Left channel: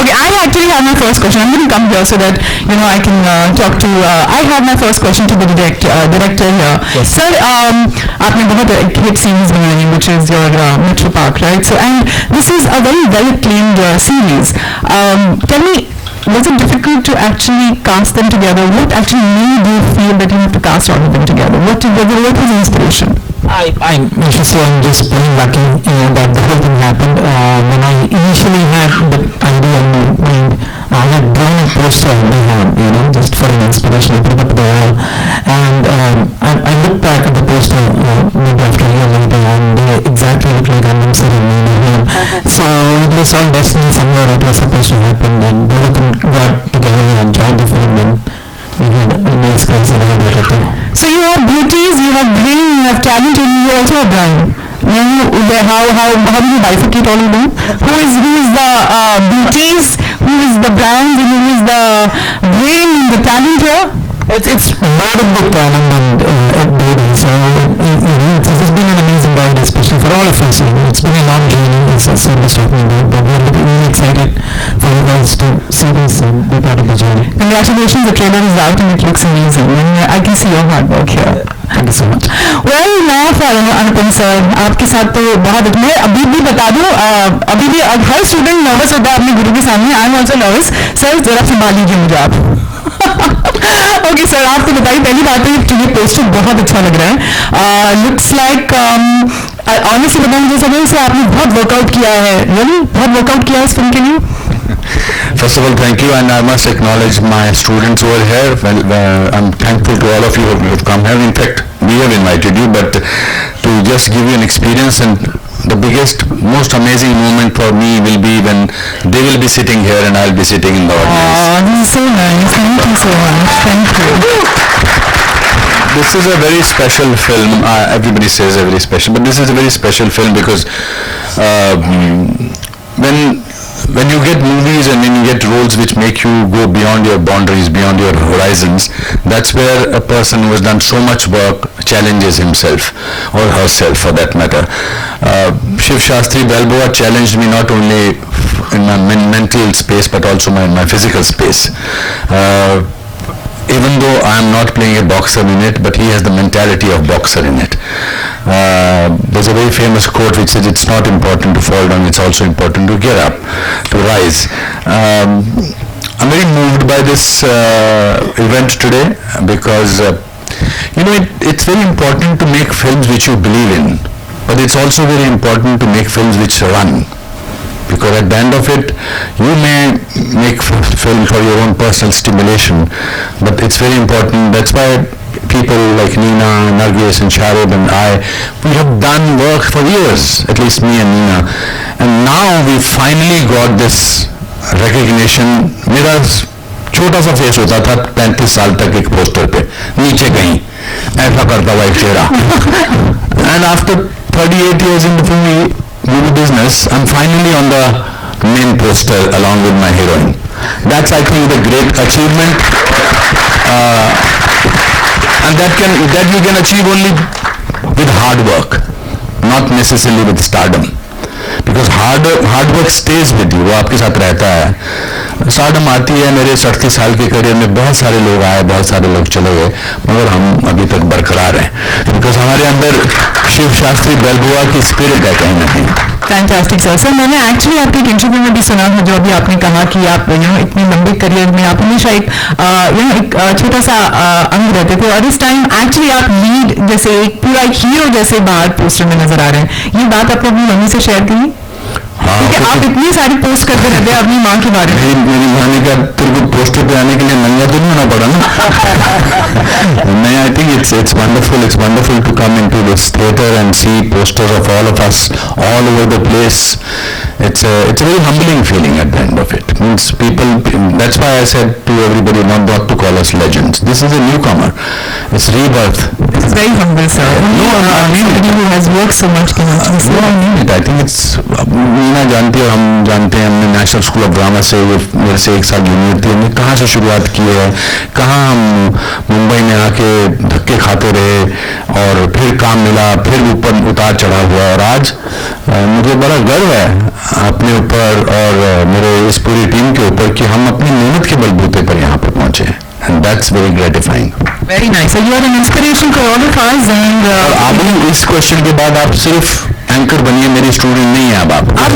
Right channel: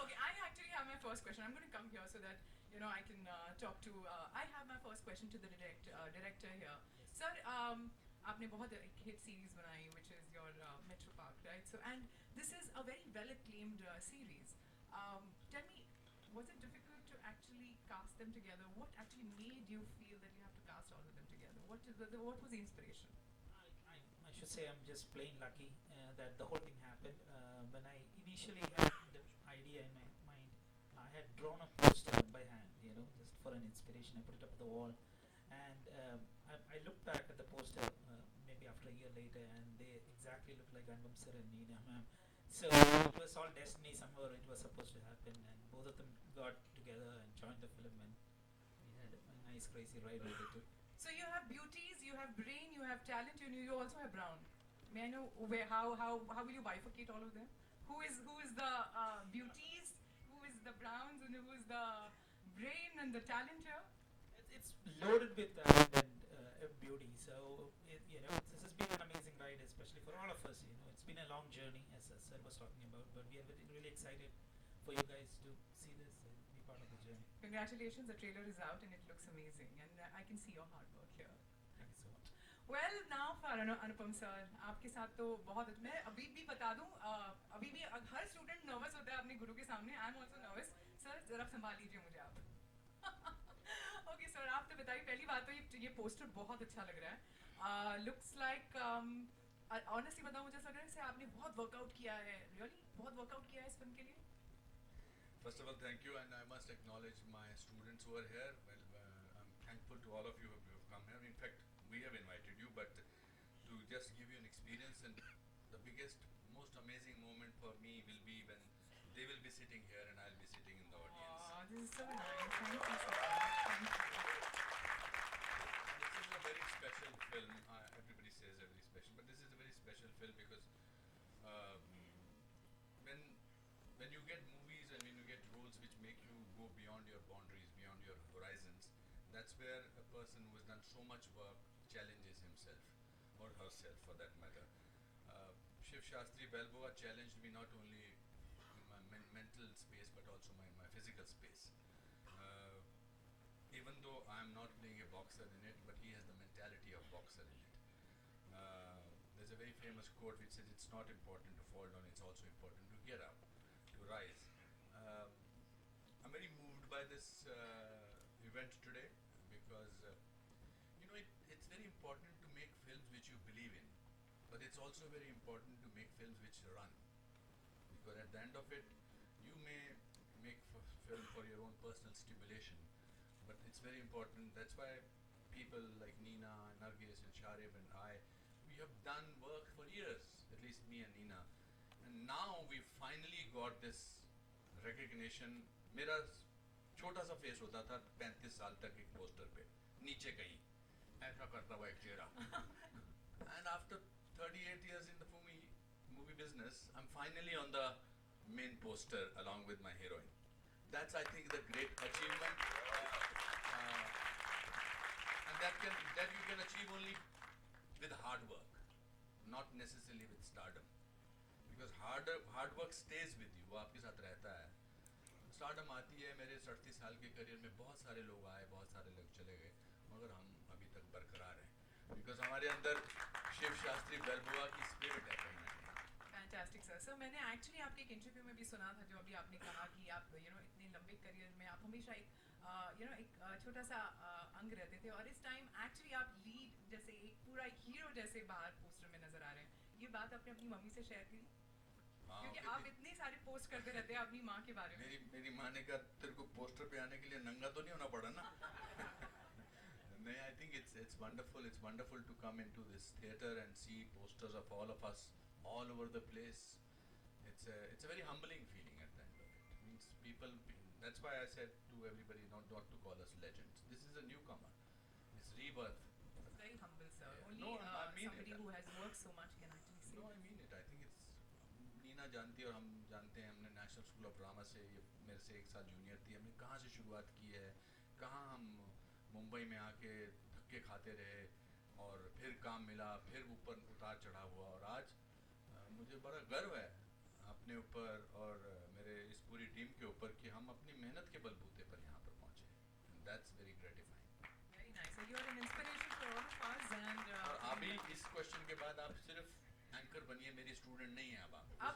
Okay, I actually have my first question. I'm going to come here so that I can talk to. I have my first question to the director here. Yes. Sir, आपने बहुत hit series बनाई, which is your Metro Park, right? So, and this is a very well acclaimed series. Tell me, was it difficult to actually cast them together? What actually made you feel that you have to cast all of them together? What was the inspiration? I'm just pulling back in, that the whole thing happened when I initially had the idea in my mind. I had drawn a poster on my hand, just for an inspiration. I put it up the wall, and I looked back at the poster maybe after a year later, and they exactly looked like Anupam sir and me. So it was all destiny. Somewhere it was supposed to happen, and both of them got together and joined the film, and we had a nice guys around everything. So you have beauties, you have brain, you have talent, and you also have brain. How do you bifurcate all of them? Who is the beauties, who is the brands, and who is the brain and the talent here? It's more of the talent and beauty. So it's been an amazing ride, especially for all of us. It's been a long journey, as Sam was talking about, but we're really excited for you guys to see this and be part of the journey. Congratulations, the trailer is out and it looks amazing. And I can see your hard work here. Thank you so much. Well, now for Anupam sir, आपके साथ तो बहुत मैं अभी भी बता दूँ अभी भी हर स्टूडेंट नर्वस होता है अपने गुरु के सामने. I am also nervous. Sir जरा संभाल लीजिए मुझे आप. ओके सर, आप तो बताइए पहली बात है कि ये पोस्टर बहुत अच्छा लग रहा है. लुक्स लाइक ऑनेस्टली बताऊँ मुझे समझ से आपने बहुत वर्कआउट किया है. बहुत वर्कआउट किया है इस फिल्म के लिए. First of all, thank you, and I must acknowledge my students over here. Well, I'm thankful to all of you who have come here. In fact, we have invited you, but to just give you an experience, and the biggest, most amazing moment for me will be when they will be sitting here and I'll be sitting in the audience. Oh, this is so nice. Thank you so much. Thank you. This is a very special film. Everybody says a very special, but this is a very special film because when you get movies and when you get roles which make you go beyond your boundaries, beyond your horizons, that's where a person who has done so much work challenges himself or herself for that matter. Shivshatribalboa challenged me not only in my mental space but also my physical space. Even though I am not playing a boxer in it, but he has the mentality of boxer in it. There's a very famous quote which says it's not important to fall down, it's also important to get up, to rise. I'm very moved by this event today because it's very important to make films which you believe in, but it's also very important to make films which run. Because at the end of it, you may make film for your own personal stimulation, but it's very important. That's why people like Nina, Nargis and Sharib and we have done work for years, at least me and Nina. And now we finally got this recognition. मेरा छोटा सा face होता था 35 साल तक एक poster पे नीचे कहीं ऐसा करता हुआ एक चेहरा. And after 38 years in the movie business, I'm finally on the main poster along with my heroine. That's, I think, the great achievement, and that you can achieve only with hard work, not necessarily with stardom. Because hard work stays with you, वो आपके साथ रहता है. Stardom आती है. मेरे 37 साल के करियर में बहुत सारे लोग आए, बहुत सारे लोग चले गए, मगर हम अभी तक बरकरार हैं बिकॉज हमारे अंदर शिव शास्त्री बलबुआ की स्पिरिट है कहीं ना कहीं. Fantastic sir. सर मैंने एक्चुअली आपके एक इंटरव्यू में भी सुना था जो अभी आपने कहा कि आप इतने लंबे करियर में आप हमेशा एक छोटा सा अंग रहते थे और इस टाइम एक्चुअली आप लीड जैसे एक पूरा एक हीरो जैसे बाहर पोस्टर में नजर आ रहे हैं. ये बात आपने अपनी मम्मी से शेयर की क्योंकि आप इतनी सारी पोस्ट करते रहते हैं अपनी माँ के बारे में. मेरी माँ ने कहा तेरे को पोस्टर पे आने के लिए नंगा तो नहीं होना पड़ा ना. नहीं, I think it's wonderful to come into this theater and see posters of all of us all over the place. It's a very humbling feeling at the end of it. Means people. That's why I said to everybody not to call us legends. This is a newcomer. It's rebirth. This is very humble, sir. No, I mean somebody who has worked so much can actually. No, I mean it. I think it's. Meena जानती है, हम जानते हैं. हमने national school of drama से मेरे से एक साल जूनियर थी. हमने कहाँ से शुरुआत की है, कहाँ हम मुंबई में आके धक्के खाते रहे और फिर काम मिला, फिर ऊपर उतार चढ़ा हुआ और आज मुझे बड़ा गर्व है. अपने ऊपर और मेरे इस पूरी टीम के ऊपर कि हम अपनी मेहनत के बलबूते पर यहाँ पर पहुँचे हैं, and that's very gratifying. Very nice. So you are an inspiration for all of us. And अभी इस क्वेश्चन के बाद आप सिर्फ एंकर बनिए, मेरी स्टूडेंट नहीं है अब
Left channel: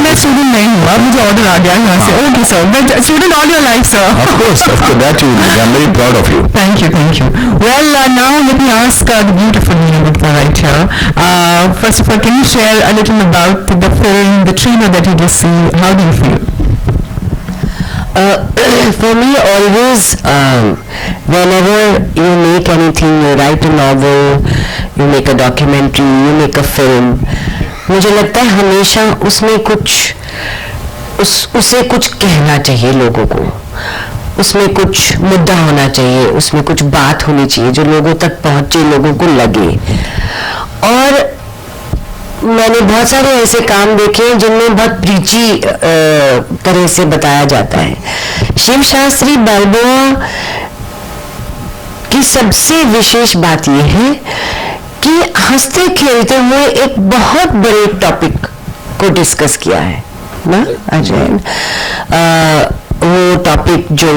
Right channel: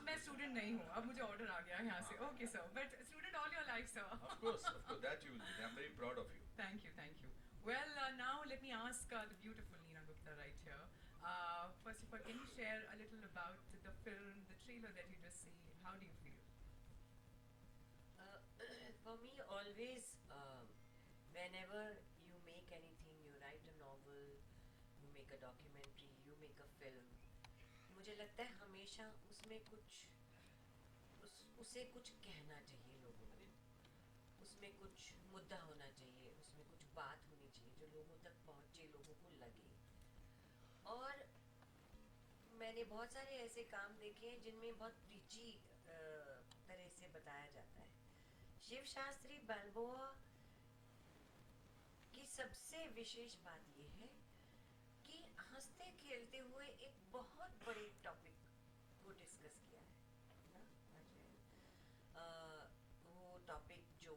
मैं स्टूडेंट नहीं हूँ, अब मुझे ऑर्डर आ गया यहाँ से. Okay sir, but student all your life sir. Of course, that you will. I'm very proud of you. Thank you, thank you. Well, now let me ask the beautiful Anupam right here. First of all, can you share a little about the film, the trailer that you just see? How do you feel? For me, always, whenever you make anything, you write a novel, you make a documentary, you make a film, मुझे लगता है हमेशा उसमें उसे कुछ कहना चाहिए लोगों को, उसमें कुछ मुद्दा होना चाहिए, उसमें कुछ बात होनी चाहिए जो लोगों तक पहुंचे, लोगों को लगे. और मैंने बहुत सारे ऐसे काम देखे हैं जिनमें बहुत प्रीची तरह से बताया जाता है. शिवशास्त्री बाल्बोआ की सबसे विशेष बात यह है कि हंसते खेलते हुए एक बहुत बड़े टॉपिक को डिस्कस किया है ना अजय. वो टॉपिक जो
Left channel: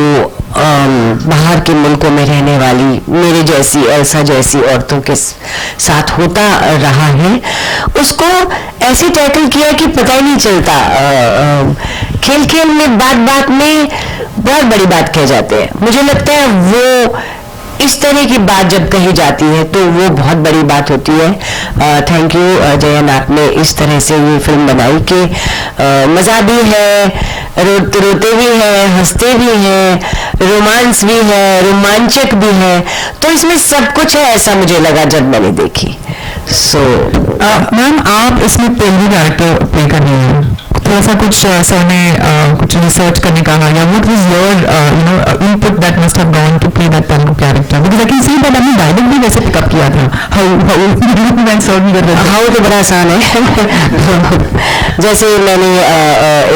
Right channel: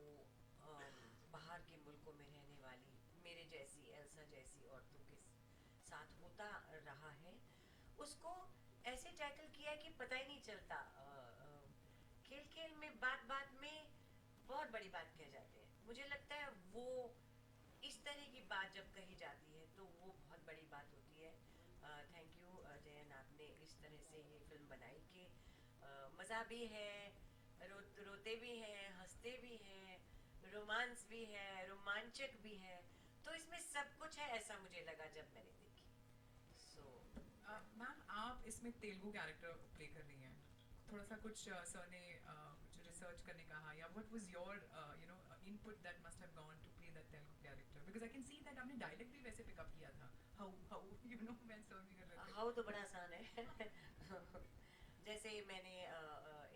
बाहर के मुल्कों में रहने वाली मेरे जैसी ऐसा जैसी औरतों के साथ होता रहा है, उसको ऐसे टैकल किया कि पता ही नहीं चलता. खेल खेल में बात में बहुत बड़ी बात कह जाते हैं. मुझे लगता है वो इस तरह की बात जब कही जाती है तो वो बहुत बड़ी बात होती है. थैंक यू जयन, आपने इस तरह से ये फिल्म बनाई कि मज़ा भी है, रोते भी हैं, हंसते भी हैं, रोमांस भी है, रोमांचक भी है. तो इसमें सब कुछ है ऐसा मुझे लगा जब मैंने देखी. सो मैम, आप इसमें तेलुगु कैरेक्टर प्ले कर रही हैं, थोड़ा सा कुछ सर ने कुछ रिसर्च करने का या what was your input that must have gone to play that Telugu character, because I can see that आपने डायलॉग भी वैसे पिकअप किया था. हाउ तो बड़ा आसान है. जैसे मैंने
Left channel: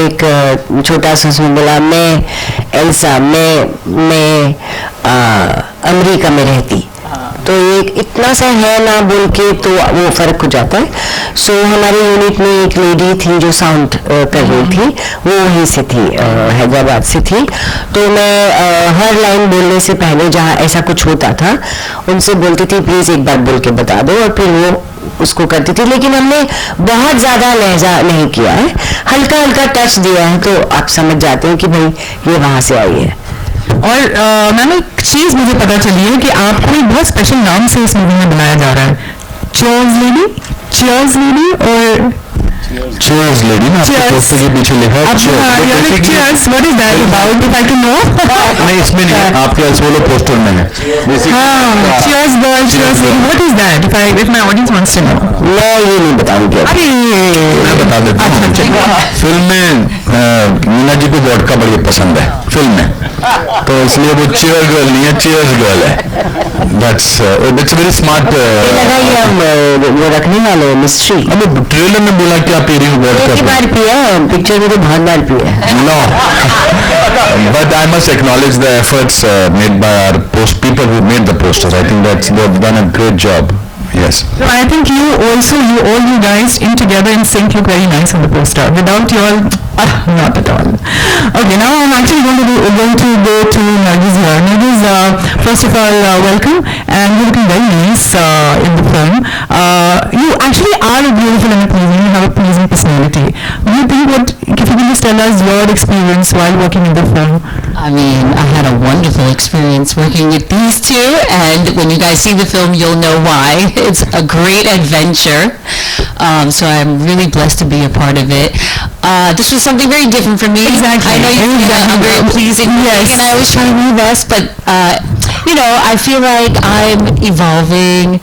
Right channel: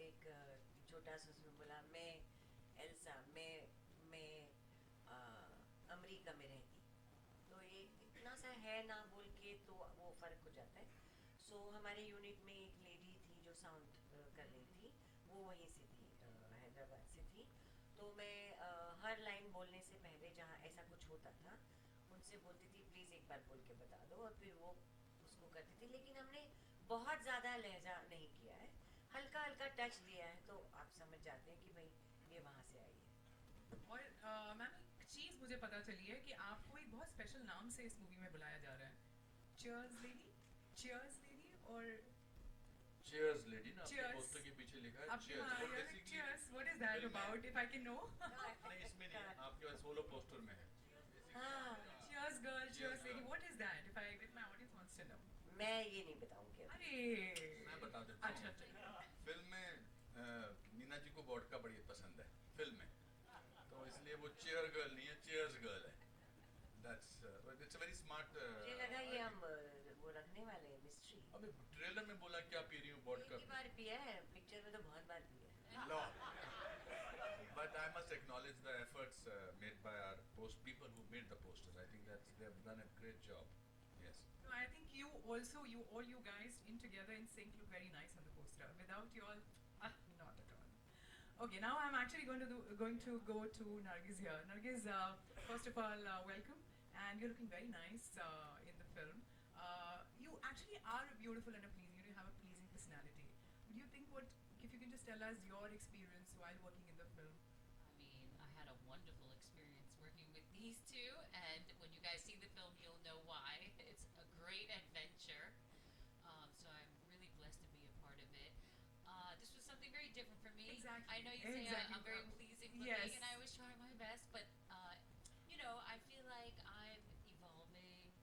एक छोटा सा सुन बोला, मैं एल्सा, मैं अमेरिका में रहती, तो एक इतना सा है ना बोल के तो वो फर्क हो जाता है. सो हमारे यूनिट में एक लेडी थी जो साउंड कर रही थी, वो वहीं से थी, हैदराबाद से थी. तो मैं हर लाइन बोलने से पहले जहाँ ऐसा कुछ होता था उनसे बोलती थी प्लीज़ एक बार बोल के बता दो, और फिर वो उसको करती थी. लेकिन हमने बहुत ज़्यादा लहजा नहीं किया है, हल्का हल्का टच दिया है, तो आप समझ जाते हैं कि भाई ये वहाँ से आई है. और मैम, एक चीज मुझे पता चली है कि आपको एक बहुत स्पेशल नाम से इस मूवी में बनाया जा रहा है. चीयर्स लेडी, चीयर्स लेडी और चीयर्स लेडी ना आपके पोस्टर के पीछे लिखा है cheers. What is that about, if I can know? नहीं, इसमें नहीं है, आपके सोलो पोस्टर में है. Cheers girl, cheers lady, what is that, if my audience wants to know? मैं ये नहीं बताऊंगी. अरे मैं बता देता हूँ. फिल्म में मीना जी को वोडका बड़ी पसंद है फिल्म में, तो इसलिए वो चीयर गर्ल नहीं है, चीयर्स गर्ल है. That's very smart. वो रखने वाले मिस्ट्री. अबे ट्रेलर में बोला कि आप एक बार पिया है, पिक्चर में तो बहुत बार पिया है. No, but I must acknowledge the efforts made by our people who made the posters. I think they've done a great job. Yes. So I think all you guys in together in sync look very nice on the poster. Without you all, not at all. Okay, now I'm actually going to go to Nargis here. Nargis, first of all, welcome, and you're looking very nice in the film. You actually are a beautiful and a pleasing. You have a pleasing personality. Do you think if you can just tell us your experience while working in the film? I mean, I had a wonderful experience working with these two, and when you guys see the film, you'll know why. It's a great adventure, so I'm really blessed to be a part of it. This was something very different for me. Exactly. I know I'm very pleasing, yes, and I always try to be best, but I feel like I'm evolving,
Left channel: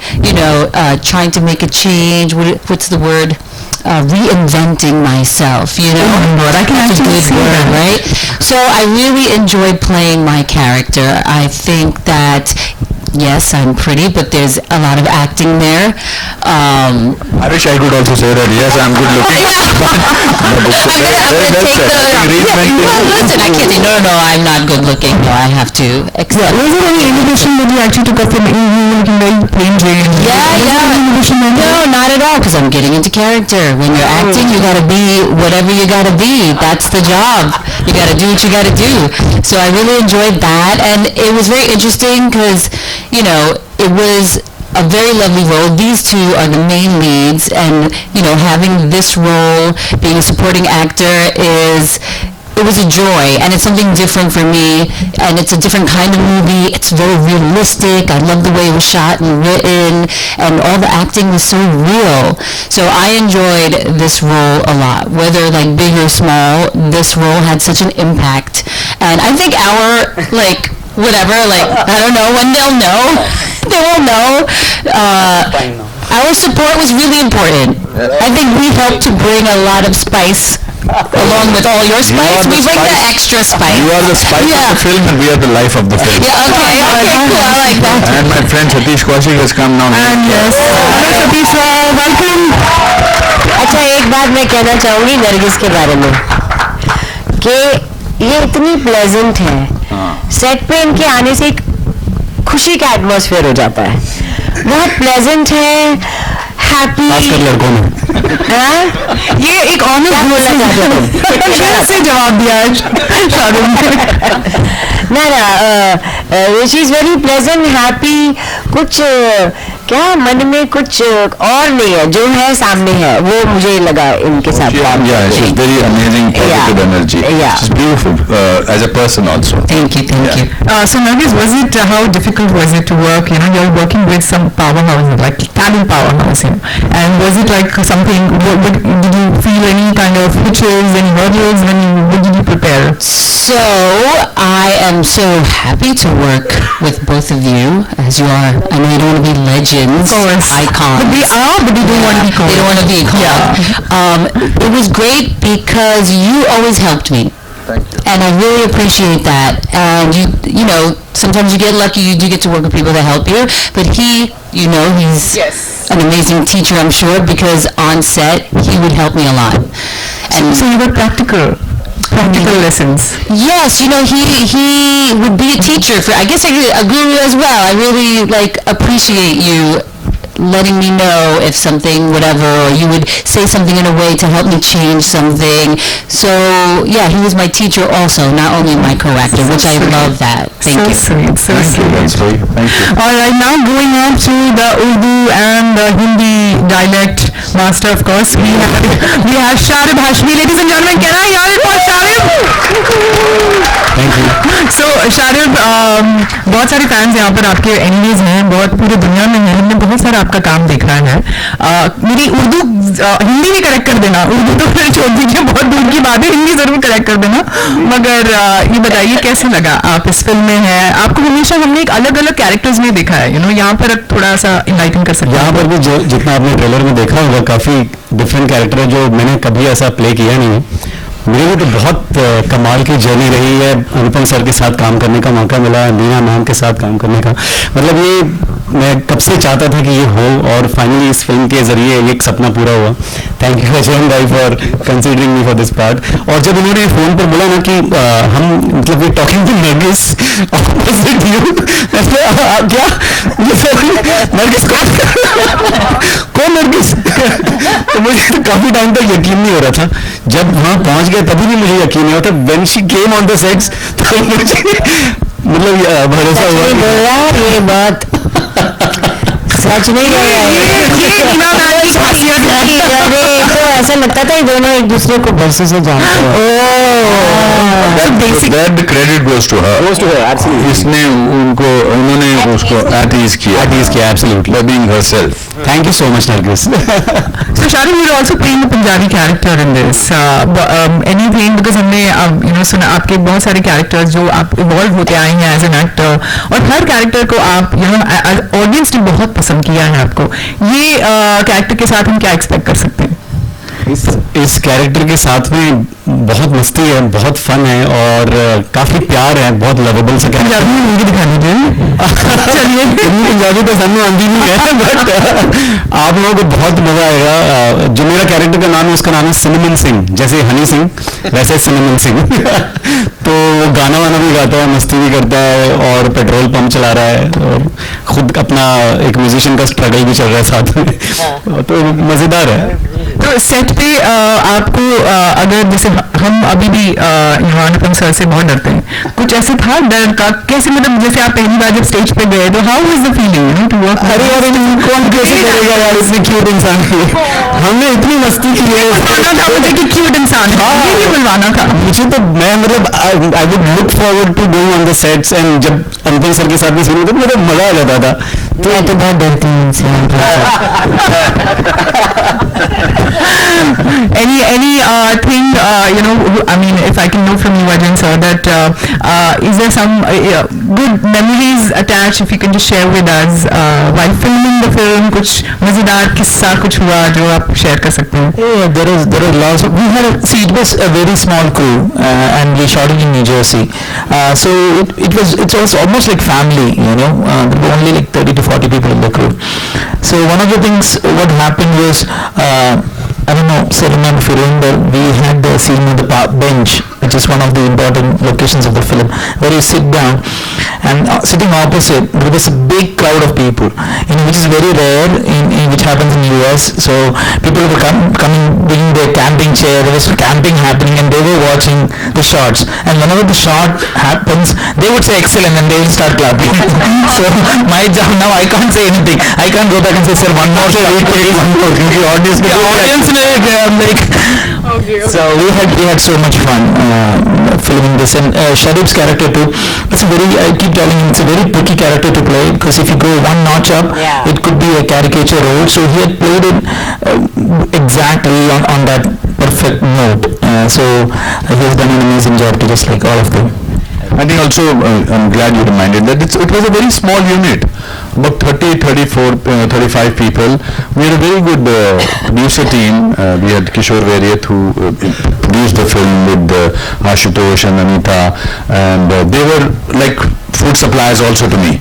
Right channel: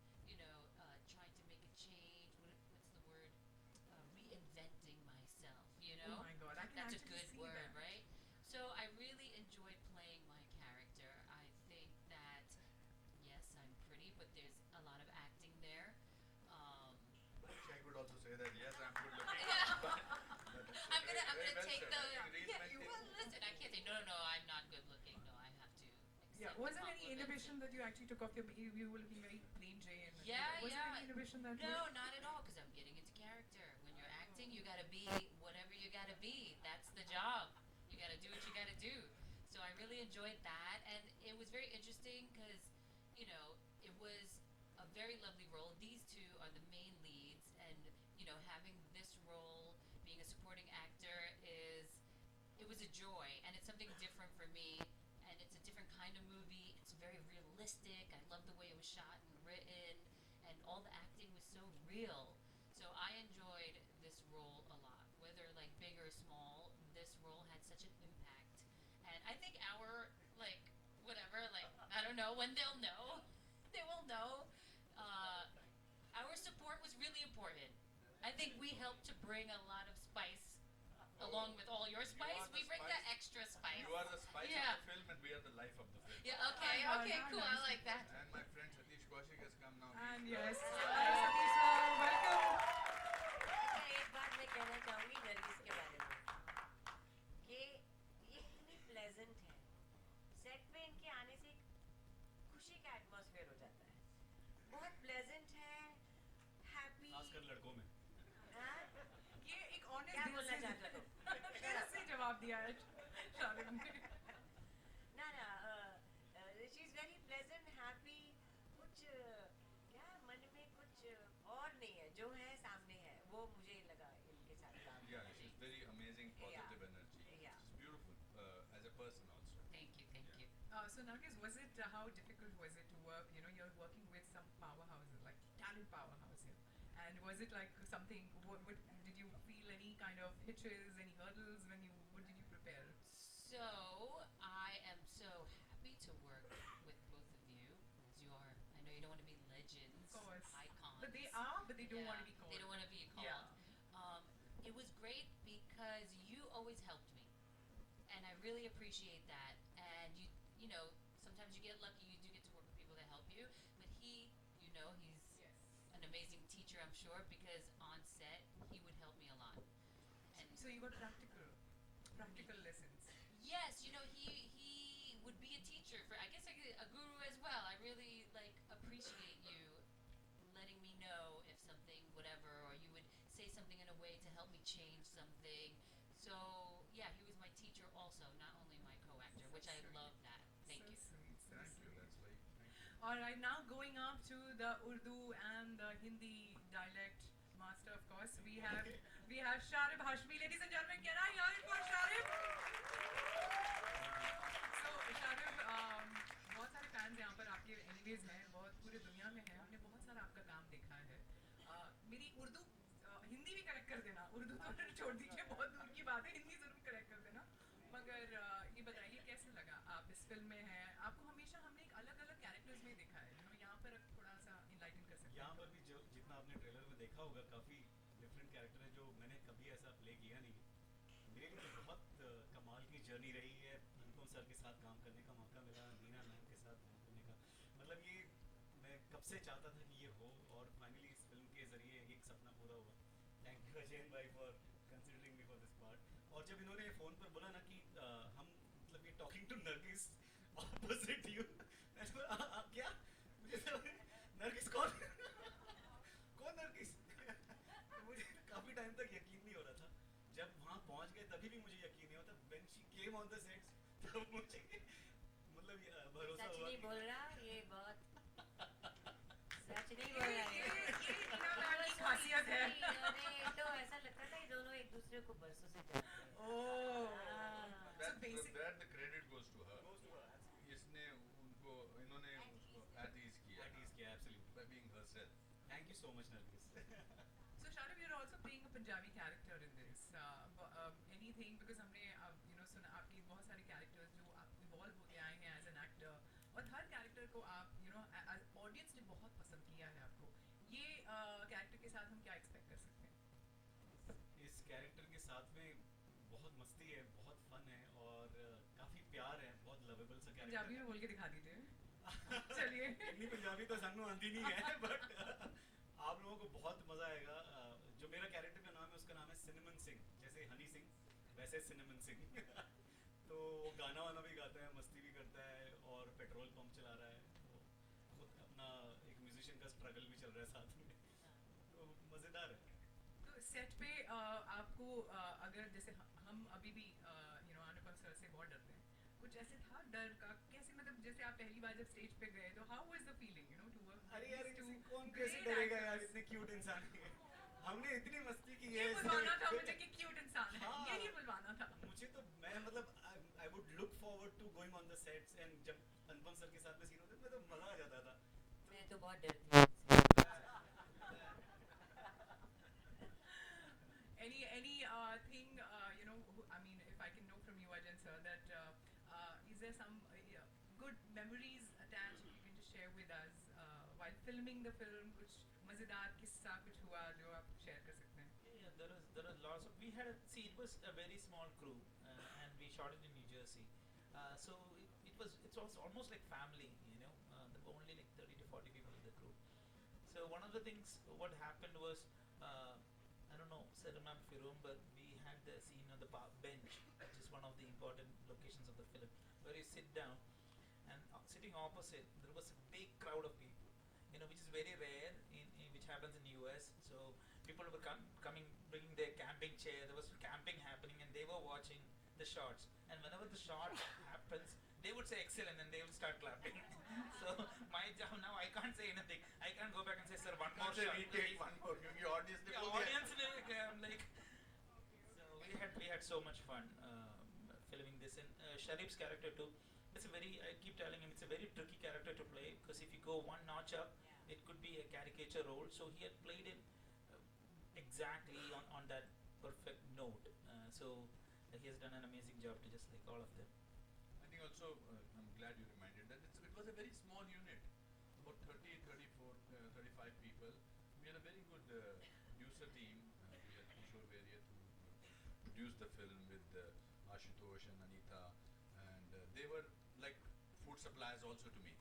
trying to make a change. What's the word? Reinventing myself, I can That's a actually good see word, that. right? So I really enjoyed playing my character. I think that yes, I'm pretty, but there's a lot of acting there. I wish I could also say that. Yes, I'm good looking. I'm gonna take the. Well, listen, I can't say No, I'm not good looking. No, I have to accept. Was there any inhibition that you actually took up from you looking very plain Jane? No, not at all, because I'm getting into character. When you're acting, you gotta be whatever you gotta be. That's the job. You gotta do what you gotta do. So I really enjoyed that, and it was very interesting because, you know, it was a very lovely role. These two are the main leads, and, you know, having this role, being a supporting actor it was a joy, and it's something different for me, and it's a different kind of movie. It's very realistic. I love the way it was shot and written, and all the acting was so real. So I enjoyed this role a lot. Whether like big or small, this role had such an impact. And I think our, like, whatever, like, I don't know, when they'll know, they will know. Our support was really important. I think we helped to bring a lot of spice along with all your spice. We bring the extra spice. You are the spice of the film, and we are the life of the film. Yeah, okay, cool, I like that. And my friend Satish Kaushik has come now. And yes, Satish, welcome. अच्छा, एक बात मैं कहना चाहूँगी नरगिस के बारे में कि ये इतनी प्लेजेंट है, सेट पे इनके आने से एक खुशी का एटमॉस्फेयर हो जाता है, बहुत प्लेजेंट है, हैप्पी, खासकर लड़कों में। ये एक ऑनर बोलना चाहते हो से जवाब दिया ना she is very pleasant, happy, कुछ क्या मन में कुछ और नहीं है, जो है सामने है, वो मुझे लगा इनके साथ काम Yeah, she's very amazing, positive energy. Yeah. She's beautiful as a person also. Thank you. So Nargis, was it how difficult was it to work? You know, you're working with some powerhouse, like talent powerhouse, you know. And was it like something? Did you feel any kind of hitches, any hurdles what did you prepare? So I am so happy to work with both of you, as you are. I know you don't want to be legends, icons. But they are, but they don't want to be called. They don't want to be called. It was great because you always helped me. Thank you. And I really appreciate that. And you know, sometimes you get lucky, you do get to work with people that help you. But he's an amazing teacher, I'm sure, because on set, he would help me a lot. And So you were practical lessons. yes, you know, he would be a teacher for, I guess, a guru as well. I really, like, appreciate you letting me know if something, whatever, or you would say something in a way to help me change something. So, yeah, he was my teacher also, not only my co-actor, which I love that. Thank you. Sweet, so sweet. That's sweet. Thank you. All right, now going on to the Urdu and the Hindi dialect master, of course, we have Sharib Hashmi. Ladies and gentlemen, can I hear it for Sharib? Thank you. So Sharib, बहुत सारे fans यहाँ पर आपके enemies हैं, बहुत पूरी दुनिया में हैं, हमने बहुत सारा आपका काम देखा है. मेरी उर्दू हिंदी में करेक्ट कर देना, उर्दू तो फिर छोड़ दीजिए, बहुत दूर की बात है, हिंदी जरूर करेक्ट कर देना. मगर ये बताइए कैसे लगा आप इस फिल्म में हैं? आपको हमेशा हमने एक अलग अलग कैरेक्टर्स में देखा है, यू नो, यहाँ पर थोड़ा सा इनलाइटन कर सकते हैं? यहाँ पर भी जितना आपने ट्रेलर में देखा होगा, काफ़ी डिफरेंट कैरेक्टर है जो मैंने कभी ऐसा प्ले किया नहीं है. मेरे लिए तो बहुत कमाल की जर्नी रही है. अनुपम सर के साथ काम करने का मौका मिला, मीना मैम के साथ काम करने का, मतलब ये मैं कब से चाहता था कि ये हो, और फाइनली इस फिल्म के जरिए ये एक सपना पूरा हुआ. थैंक यू अजय भाई for considering me for this part. और जब उन्होंने फ़ोन पर बोला ना कि हम मतलब we talking to Nargis opposite you, क्या नरगिस कौन नरगिस? तो मुझे तो काफ़ी टाइम तक यकीन नहीं हो रहा था. जब वहाँ पहुँच गए तभी भी मुझे यकीन नहीं होता. When she came on the sets तो मुझे मतलब भरोसा हुआ. ये बात सच नहीं अरे तो ऐसा लगता था ये दोनों एक दूसरे को बरसों से जानते हैं. That the credit goes to her. Absolutely. इसने उन्होंने उसको at ease किया. Absolutely. By being herself. Thank you so much, Nargis. So Sharib, you're also playing a Punjabi character in this. Anything, because हमने you know सुना आपके बहुत सारे characters जो आप evolve होते आए हैं as an actor, और हर character को आप you know audience ने बहुत पसंद किया है आपको. ये character के साथ हम क्या expect कर सकते हैं? इस कैरेक्टर के साथ में बहुत मस्ती है, बहुत फन है, और काफी प्यार है, बहुत लवेबल सा कैरेक्टर. पंजाबी मूवी दिखा दीजिए. चलिए, पंजाबी तो सामने आंधी नहीं है, बट आप लोगों को बहुत मजा आएगा. जो मेरा कैरेक्टर का नाम है उसका नाम है सिनेमन सिंह, जैसे हनी सिंह वैसे सिनेमन सिंह. तो गाना वाना भी गाता है, मस्ती भी करता है और पेट्रोल पंप चला रहा है और खुद अपना एक म्यूजिशियन का स्ट्रगल भी चल रहा है साथ में, तो मज़ेदार है। तो सेट पे आपको अगर जैसे हम अभी भी यहाँ अनुपम सर से बहुत डरते हैं, कुछ ऐसे था डर का? कैसे मतलब जैसे आप पहली बार जब स्टेज पे गए तो how was the feeling, you know, to work? अरे यार कौन कैसे करेगा यार इतनी क्यूट इंसान की, हमने इतनी मस्ती की है। था मुझे कि क्यूट इंसान है, ये नहीं बुलवाना था मुझे। तो मैं मतलब I would look forward to going on the sets and जब अनुपम सर के साथ में सुनी तो मुझे मजा आ जाता था। तो मैं तो बहुत डरती हूँ इनसे। any thing you know, I mean, if I can know from you Ajay sir, that is there some good memories attached, if you can just share with us while filming the film? कुछ मजेदार किस्सा कुछ हुआ जो आप share कर सकते हैं? Yeah, there is lots of, we had see, it was a very small crew and we shot it in New Jersey, so it was almost like family, you know. There were only like 30 to 40 people in the crew. So one of the things what happened was, I don't know, so remember, if you remember, we had the scene on the bench, which is one of the important locations of the film, where you sit down and sitting opposite there was a big crowd of people, you know, which is very rare in which happens in US. So people were coming bringing their camping chair, there was camping happening and they were watching the shots, and whenever the shot happens they would say excellent and they will start clapping. So my job now, I can't say anything, I can't go back and say sir one more shot, one more, the audience like, so we had so much fun filming this. And Sharif's character too, it's a very, I keep telling him, it's a very tricky character to play, because if you go one notch up, it could be a caricature role. So he had played it exactly on that perfect note, so he has done an amazing job to just like all of them. I think also, I'm glad you reminded that it was a very small unit, about 30, 34, 35 people. We had a very good producer team. We had Kishore Variat who produced the film with Ashutosh and Anita, and they were like food suppliers also to me.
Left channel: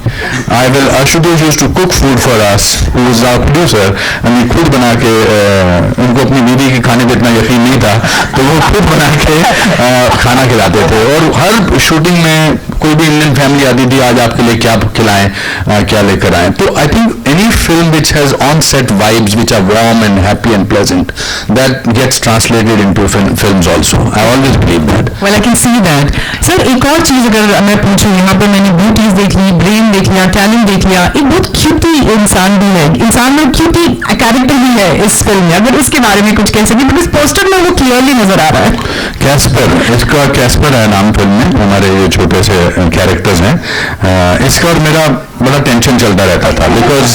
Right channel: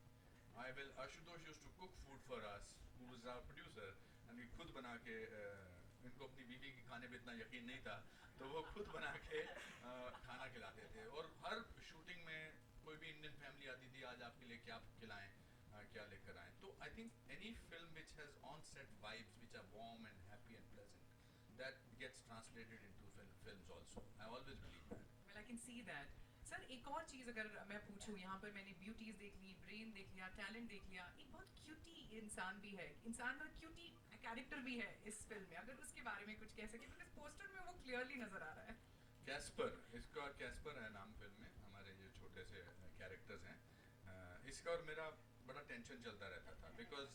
Ashutosh used to cook food for us, who was our producer, and we खुद बना के उनको अपनी बीवी के खाने पे इतना यकीन नहीं था, तो वो खुद बना के खाना खिलाते थे। और हर शूटिंग में कोई भी इंडियन फैमिली आती थी, आज आपके लिए क्या खिलाएं, क्या लेकर आएं। तो I think any film which has on-set vibes which are warm and happy and pleasant, that gets translated into films also. I always believe that. Well, I can see that. Sir, एक और चीज अगर मैं पूछूं, यहाँ पे मैंने beauties देख ली, ब्रेन देख लिया, टैलेंट देख लिया, एक बहुत क्यूटी इंसान भी है, इंसान में क्यूटी कैरेक्टर भी है इस फिल्म में, अगर उसके बारे में कुछ कह सके, बिकॉज पोस्टर में वो क्लियरली नजर आ रहा है। कैस्पर, इसका कैस्पर है नाम फिल्म में, हमारे ये छोटे से कैरेक्टर्स हैं। इसका और मेरा बड़ा टेंशन चलता रहता था, बिकॉज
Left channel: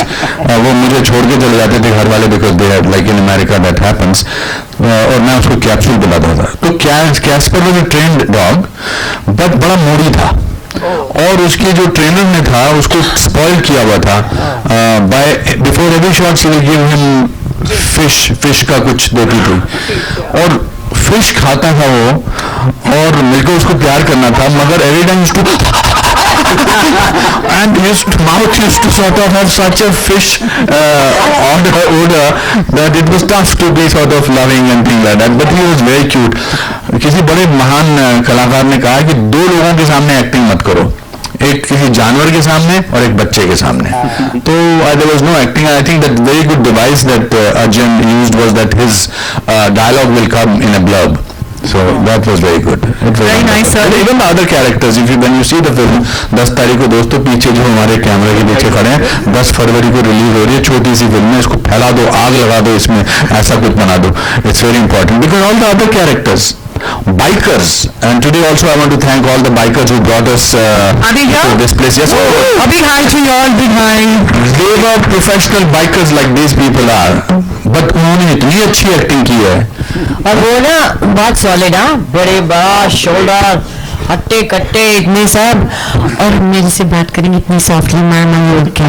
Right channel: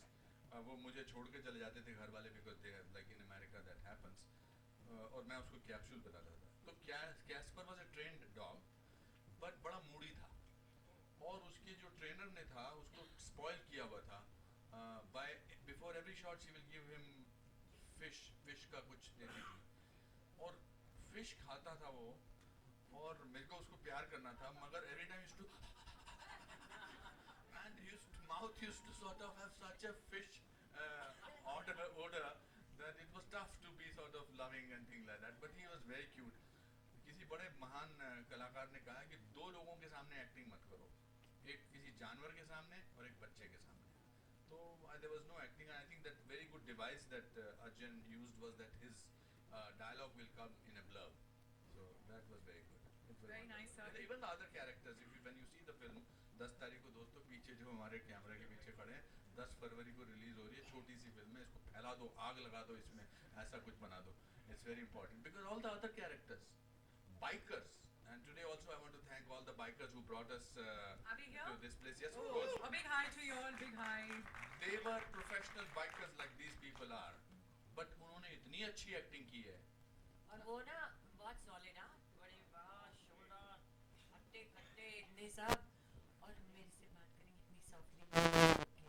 वो मुझे छोड़ के चले जाते थे घर वाले, because they have like in America that happens, और मैं उसको कैप्सूल बुलाता था। तो Casper was a trained dog, but बड़ा मूडी था, और उसके जो ट्रेनर ने था उसको स्पॉइल किया हुआ था। By before every shot she will give him fish का कुछ देती थी, और फिश खाता था वो, और मेरे को उसको प्यार करना था, मगर every time and his mouth used to sort of have such a fish odor that it was tough to be sort of loving and things like that, but he was very cute. किसी बड़े महान कलाकार ने कहा कि दो लोगों के सामने एक्टिंग मत करो, एक किसी जानवर के सामने और एक बच्चे के सामने। तो there was no acting. I think that very good device that Arjun used was that his dialogue will come in a blurb. So that was very good. Very nice, sir. And even the other characters, when you see the film, 10 तारीख को दोस्तों पीछे जो हमारे कैमरे के पीछे खड़े हैं, 10 फरवरी को रिलीज हो रही है, छोटी सी फिल्म है, इसको फैला दो, आग लगा दो, इसमें ऐसा कुछ बना दो. It's very important because all the other characters, bikers, and today also I want to thank all the bikers who brought us to this place. Yes, a big hi to you all, big hi. They were professional bikers like these people are, but उन्होंने इतनी अच्छी acting की है, और वो ना बहुत solid, बड़े बड़ा शोल्डर, हट्टे कट्टे इतने सब, और मेरे से बात करेंगे इतनी सॉफ्टली, मामा उड़ के।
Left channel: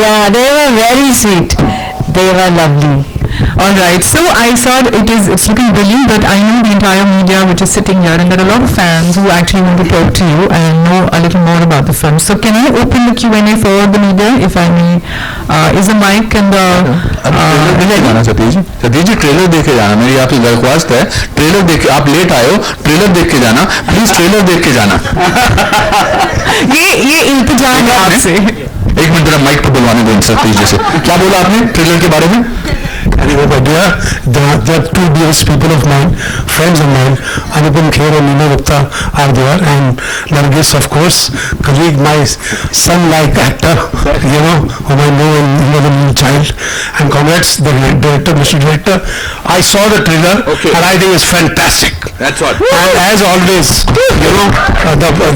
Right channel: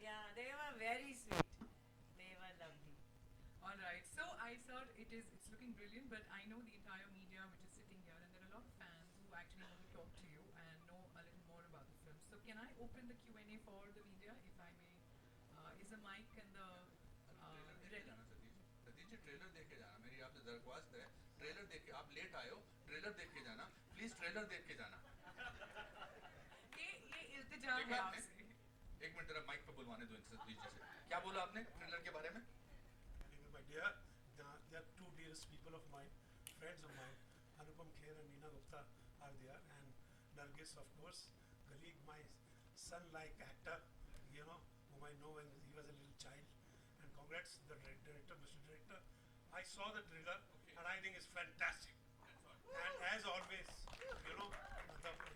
Yeah, they were very sweet, they were lovely. All right. So I saw it's looking brilliant, but I know the entire media which is sitting here, and there are a lot of fans who actually want to talk to you and know a little more about the film. So can I open the Q&A for the media, if I may? Is the mic and the जाना Satish ji trailer देखे जाना, मेरी आपसे दरख्वास्त है, trailer देख के, आप लेट आए हो, ट्रेलर देख के जाना प्लीज, ट्रेलर देख के जाना। ये इंतजाम है आपसे। एक मिनट जरा माइक पर बुलवाने दो सतीश जी से। क्या बोला आपने ट्रेलर के बारे में? Anyway, my dear, there are two dearest people of mine, friends of mine, Anupamkher and Nina Gupta are there, and Nargis, of course, colleague, my son-like actor, whom I know and the new child. And congrats, the director, Mr. Director. I saw the trailer, and I think it's fantastic. That's what. And as always,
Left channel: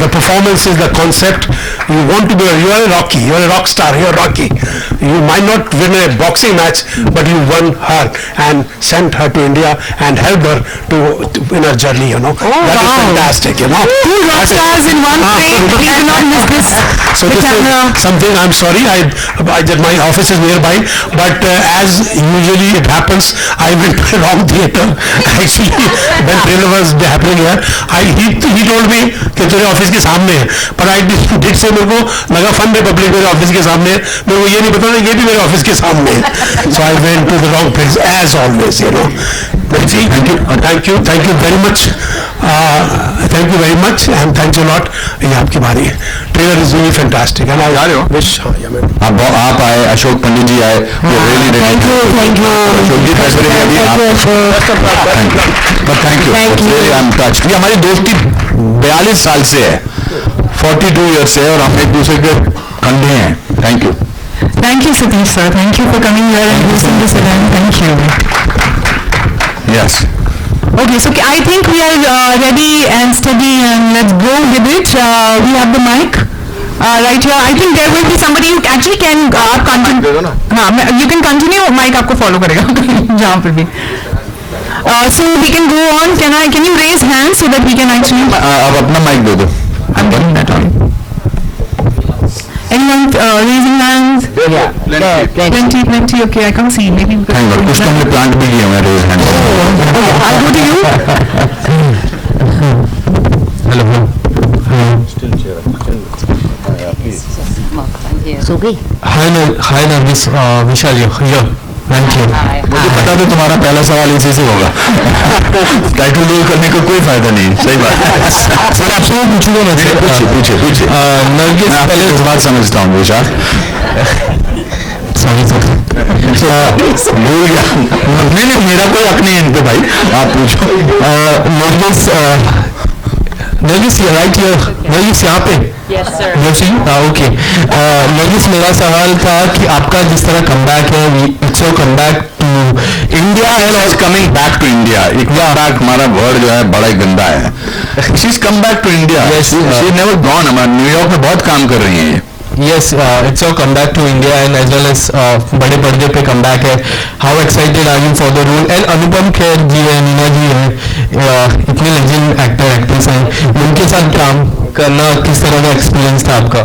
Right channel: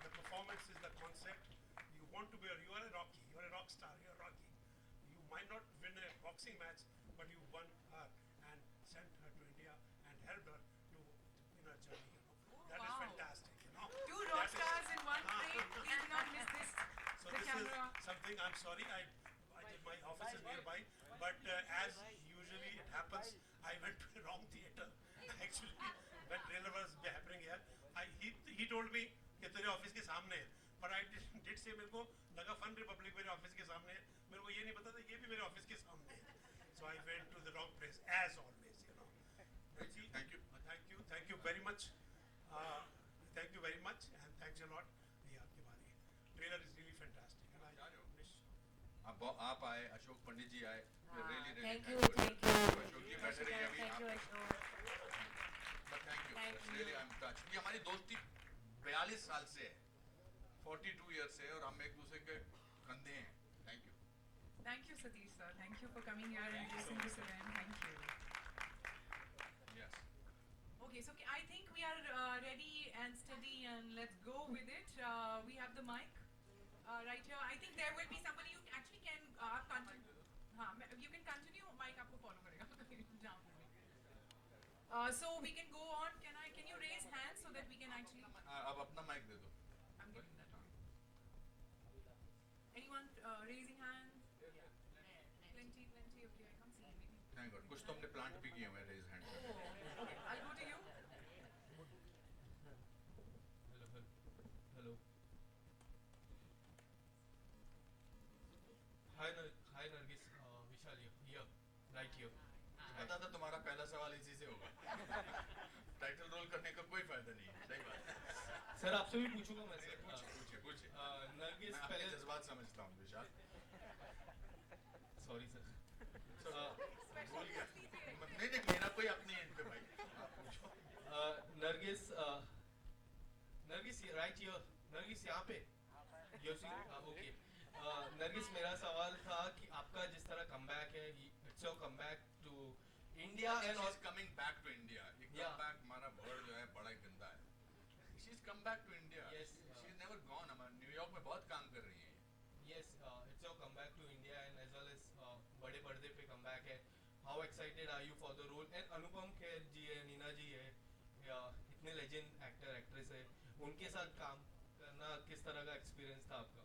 the performances, the concept, you want to be, you are a Rocky, you are a rock star, you are Rocky. You might not win a boxing match, but you won her and sent her to India and helped her to in her journey, that is fantastic, Two rock stars in one frame, please do not miss this. So this is something, I'm sorry, my office is nearby, but as usually it happens, I went to the wrong theater. Actually, when trailer was happening here, he told me कि तेरे office के सामने है, but I did say मेरे को लगा fun Republic मेरे office के सामने है, मेरे को ये नहीं पता ये भी मेरे ऑफिस के सामने है. So I went to the wrong place as always, Let's see. Thank you very much. Thank you very much and thanks a lot. ये आपकी बारी है. Trailer is really fantastic and I wish. आप आए, अशोक पंडित जी आए, Thank you. अशोक जी पैसे thank you I am touched. ये हमारी दोस्ती 42 साल से है, 42 ईयर से है, और हम एक दूसरे के कंधे हैं। Thank you. Thank you, Satish sir. Thank you for coming here and hosting this event. Thank you. Yes. Okay, so I think we are ready and steady, and let's go with it. We have the mic right here. I think there will be somebody who actually can continue. You can continue. Mic आपको follow करेगा जहाँ पर भी. So we can go on. Can you raise hands so that we can actually? अब अपना mic दे दो. I'm getting that on. Anyone raising hands? Yeah, Plenty. Okay, I can't see. Maybe we Thank God. कुछ तो हमने plant भी किए हुए हैं raise hand. Okay, I'll go to you. Hello. सो गई. Hi, Nargis. Vishal here. Thank you. मुझे पता था तुम्हारा पहला सवाल इसी से होगा। टाइटल रोल करने का कोई फायदा नहीं, सही बात है। सर आपसे मैं पूछूंगा ना सर। पूछिए। नरगिस पहले इस बात समझता हूँ विशाल। Sorry sir. भूल गया। नहीं मेरा कोई हक नहीं है इन पे भाई, आप पूछो। नरगिस राइट हियर, नरगिस यहाँ पे। Yes, sir. ओके। नरगिस मेरा सवाल था कि आपका जिस तरह कमबैक है, it's your comeback to India and coming back to India. एक बैक हमारा वर्ड जो है बड़ा ही गंदा है। She is come back to India. She never gone. हमारे न्यूयॉर्क में बहुत काम कर रही हैं। Yes, it's your comeback to India and as well as बड़े पर्दे पे comeback है. How excited are you for the role? And Anupam Kher जी है, नीना जी है, इतने legend actors हैं, उनके साथ काम करना किस तरह का experience था आपका?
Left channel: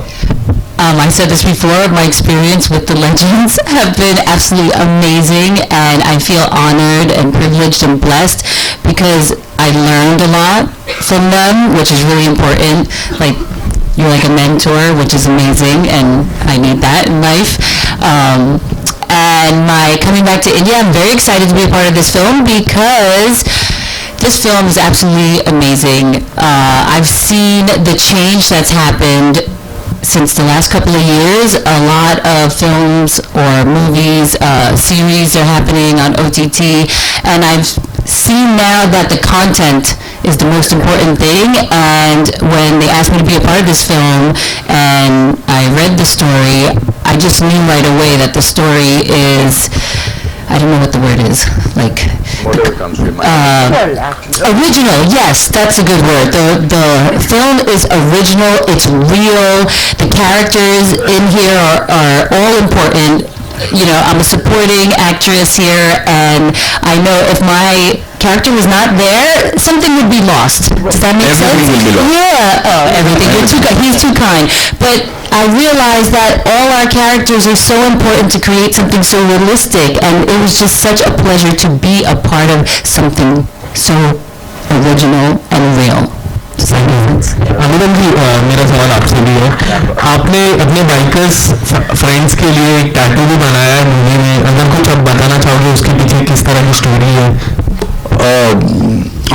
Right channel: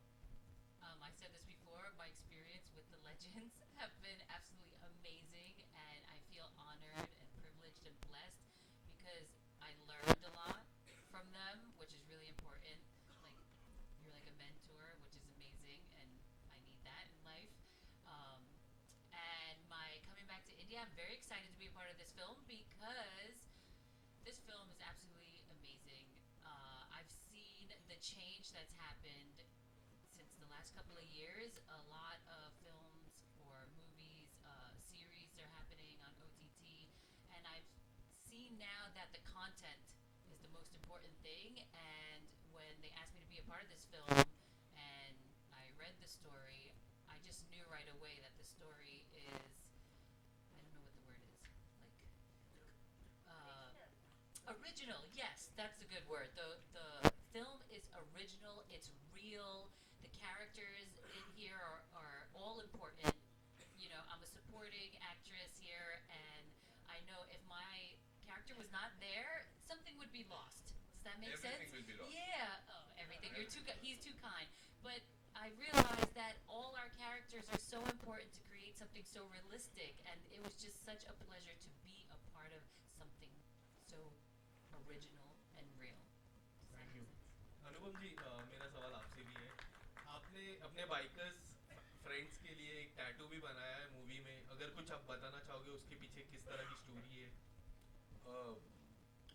I said this before, my experience with the legends have been absolutely amazing, and I feel honored and privileged and blessed because I learned a lot from them, which is really important. Like, you're like a mentor, which is amazing, and I need that in life. And my coming back to India, I'm very excited to be a part of this film because this film is absolutely amazing. I've seen the change that's happened since the last couple of years. A lot of films or movies, series are happening on OTT, and I've seen now that the content is the most important thing. And when they asked me to be a part of this film and I read the story, I just knew right away that the story is, I don't know what the word is, like original. Yes, that's a good word. The film is original, it's real, the characters in here are all important I'm a supporting actress here, and I know if my character was not there, something would be lost. Does that make sense? Everything will be lost. Yeah. Oh, everything. He's too kind. But I realized that all our characters are so important to create something so realistic, and it was just such a pleasure to be a part of something so original and real. अनुपम जी, मेरा सवाल आपसे भी है, आपने अपने bikers friends के लिए एक टैटू भी बनाया है मूवी में, अगर कुछ आप बताना चाहोगे उसके पीछे किस तरह की स्टोरी है?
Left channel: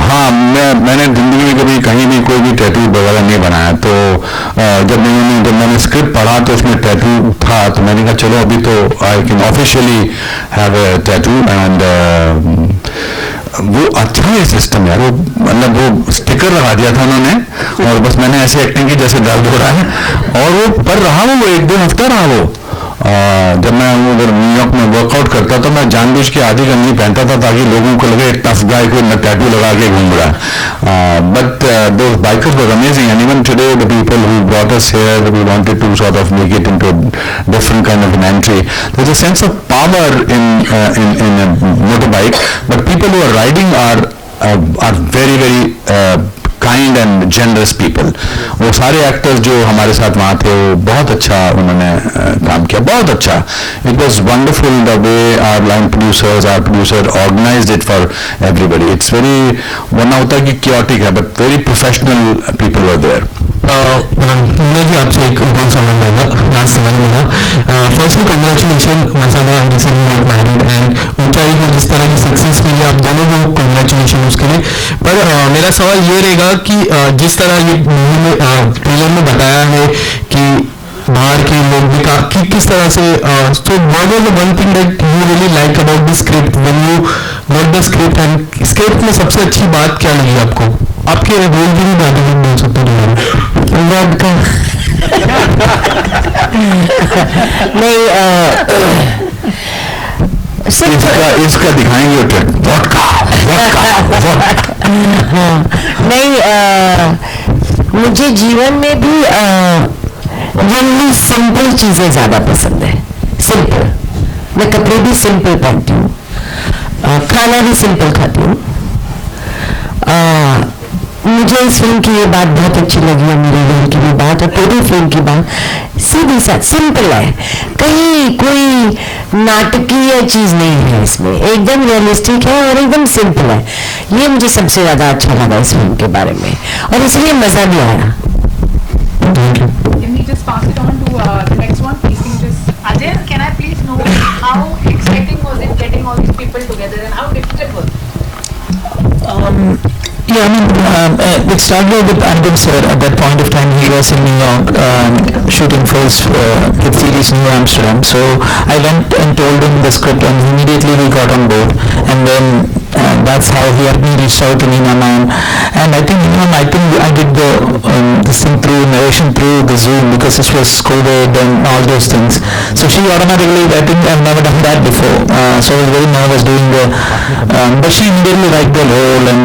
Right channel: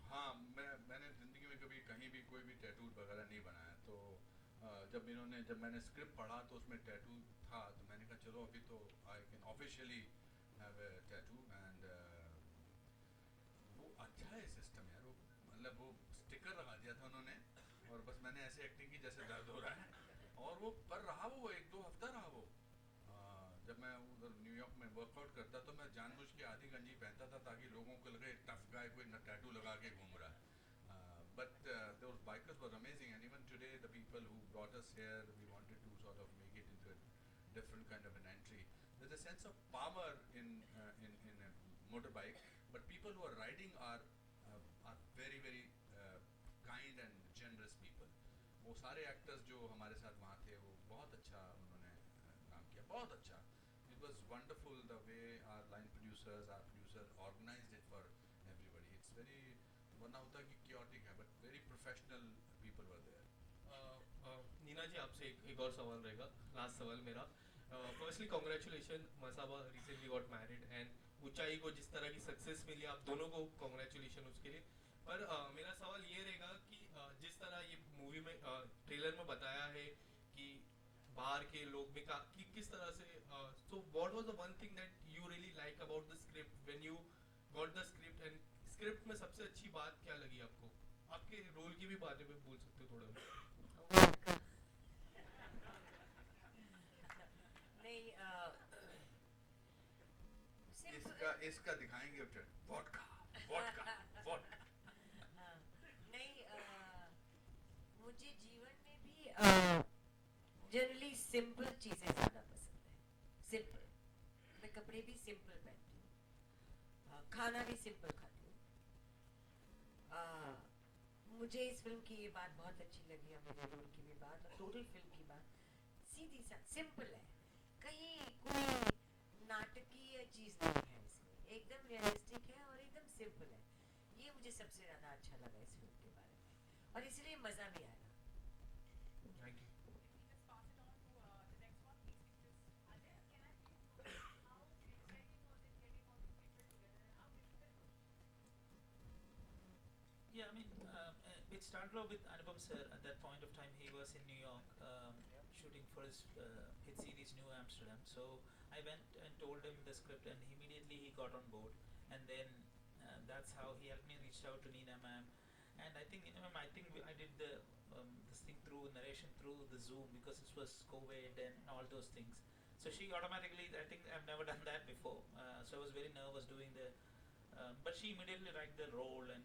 हाँ, मैंने जिंदगी में कभी कहीं भी कोई भी टैटू वगैरह नहीं बनाया, तो जब मैंने स्क्रिप्ट पढ़ा तो उसमें टैटू था, तो मैंने कहा चलो अभी तो I can officially have a tattoo, and वो अच्छा है सिस्टम यार, वो मतलब वो स्टिकर लगा दिया था उन्होंने, और बस मैंने ऐसे एक्टिंग की जैसे दर्द हो रहा है, और वो पर रहा वो 1-2 हफ्ता रहा वो। जब मैं उधर न्यूयॉर्क में वर्कआउट करता तो मैं जानबूझ के आधी गंजी पहनता था ताकि लोगों को लगे टफ गाय कोई टैटू लगा के घूम रहा है, but those bikers were amazing, and even today the people who brought us here, we wanted to sort of make it into a different kind of an entry. There's a sense of power in a motorbike, but people who are riding are very very kind and generous people. वो सारे actors जो हमारे साथ वहाँ थे वो बहुत अच्छा उन्होंने काम किया, बहुत अच्छा। It was wonderful the way our line producer organised it for everybody. It's very, वरना होता है कि क्योटिक है, but very professional people were there. मुझे आपसे एक और सवाल रहेगा, लास्ट सवाल मेरा। फर्स्टली कंग्रेचुलेशन, मैरिड एंड ऊंचाई को जिस तरह की सक्सेस मिली आप दोनों को कंग्रेचुलेशन उसके लिए। पर मेरा सवाल ये रहेगा कि जिस तरह ये मूवी में ट्रेलर में बताया है कि बाहर के लोग भी कि किस तरह से, so what was the one thing that you really like about the script when you got the script, and script में सबसे अच्छी बात क्या लगी आपको? आपके रोल की भी बात नहीं बोल सकते नहीं, इसका दिखाएंगे नहीं, मुझे जीवन में भी जनरली सिंपल चीजें ज्यादा पसंद है। सिंपल, मैं कपड़े भी सिंपल पहनती हूँ, खाना भी सिंपल खाती हूँ। मुझे इस फिल्म की ये बात बहुत अच्छी लगी है, मेरे रोल की भी बात और पूरी फिल्म की बात सीधी साथ सिंपल है, कहीं कोई नाटकीय चीज नहीं है इसमें, एकदम रियलिस्टिक है और एकदम सिंपल है। ये मुझे सबसे ज्यादा अच्छा लगा इस फिल्म के बारे में, और इसलिए मजा भी आया। Can we just pass it on to the next one? Please, can you just... Ajay, can I please know how exciting was it getting all these people together and how difficult was it? Yeah, I mean, it started with Anupam sir. At that point of time, he was in New York shooting for his hit series New Amsterdam. So I went and told him the script, and immediately we got on board. And then that's how he had me reached out to Nina Man. And I think I did this thing through narration through the Zoom because this was COVID and all those things. So she automatically, I think I've never done that before. So I was very nervous doing the, but she immediately liked the role, and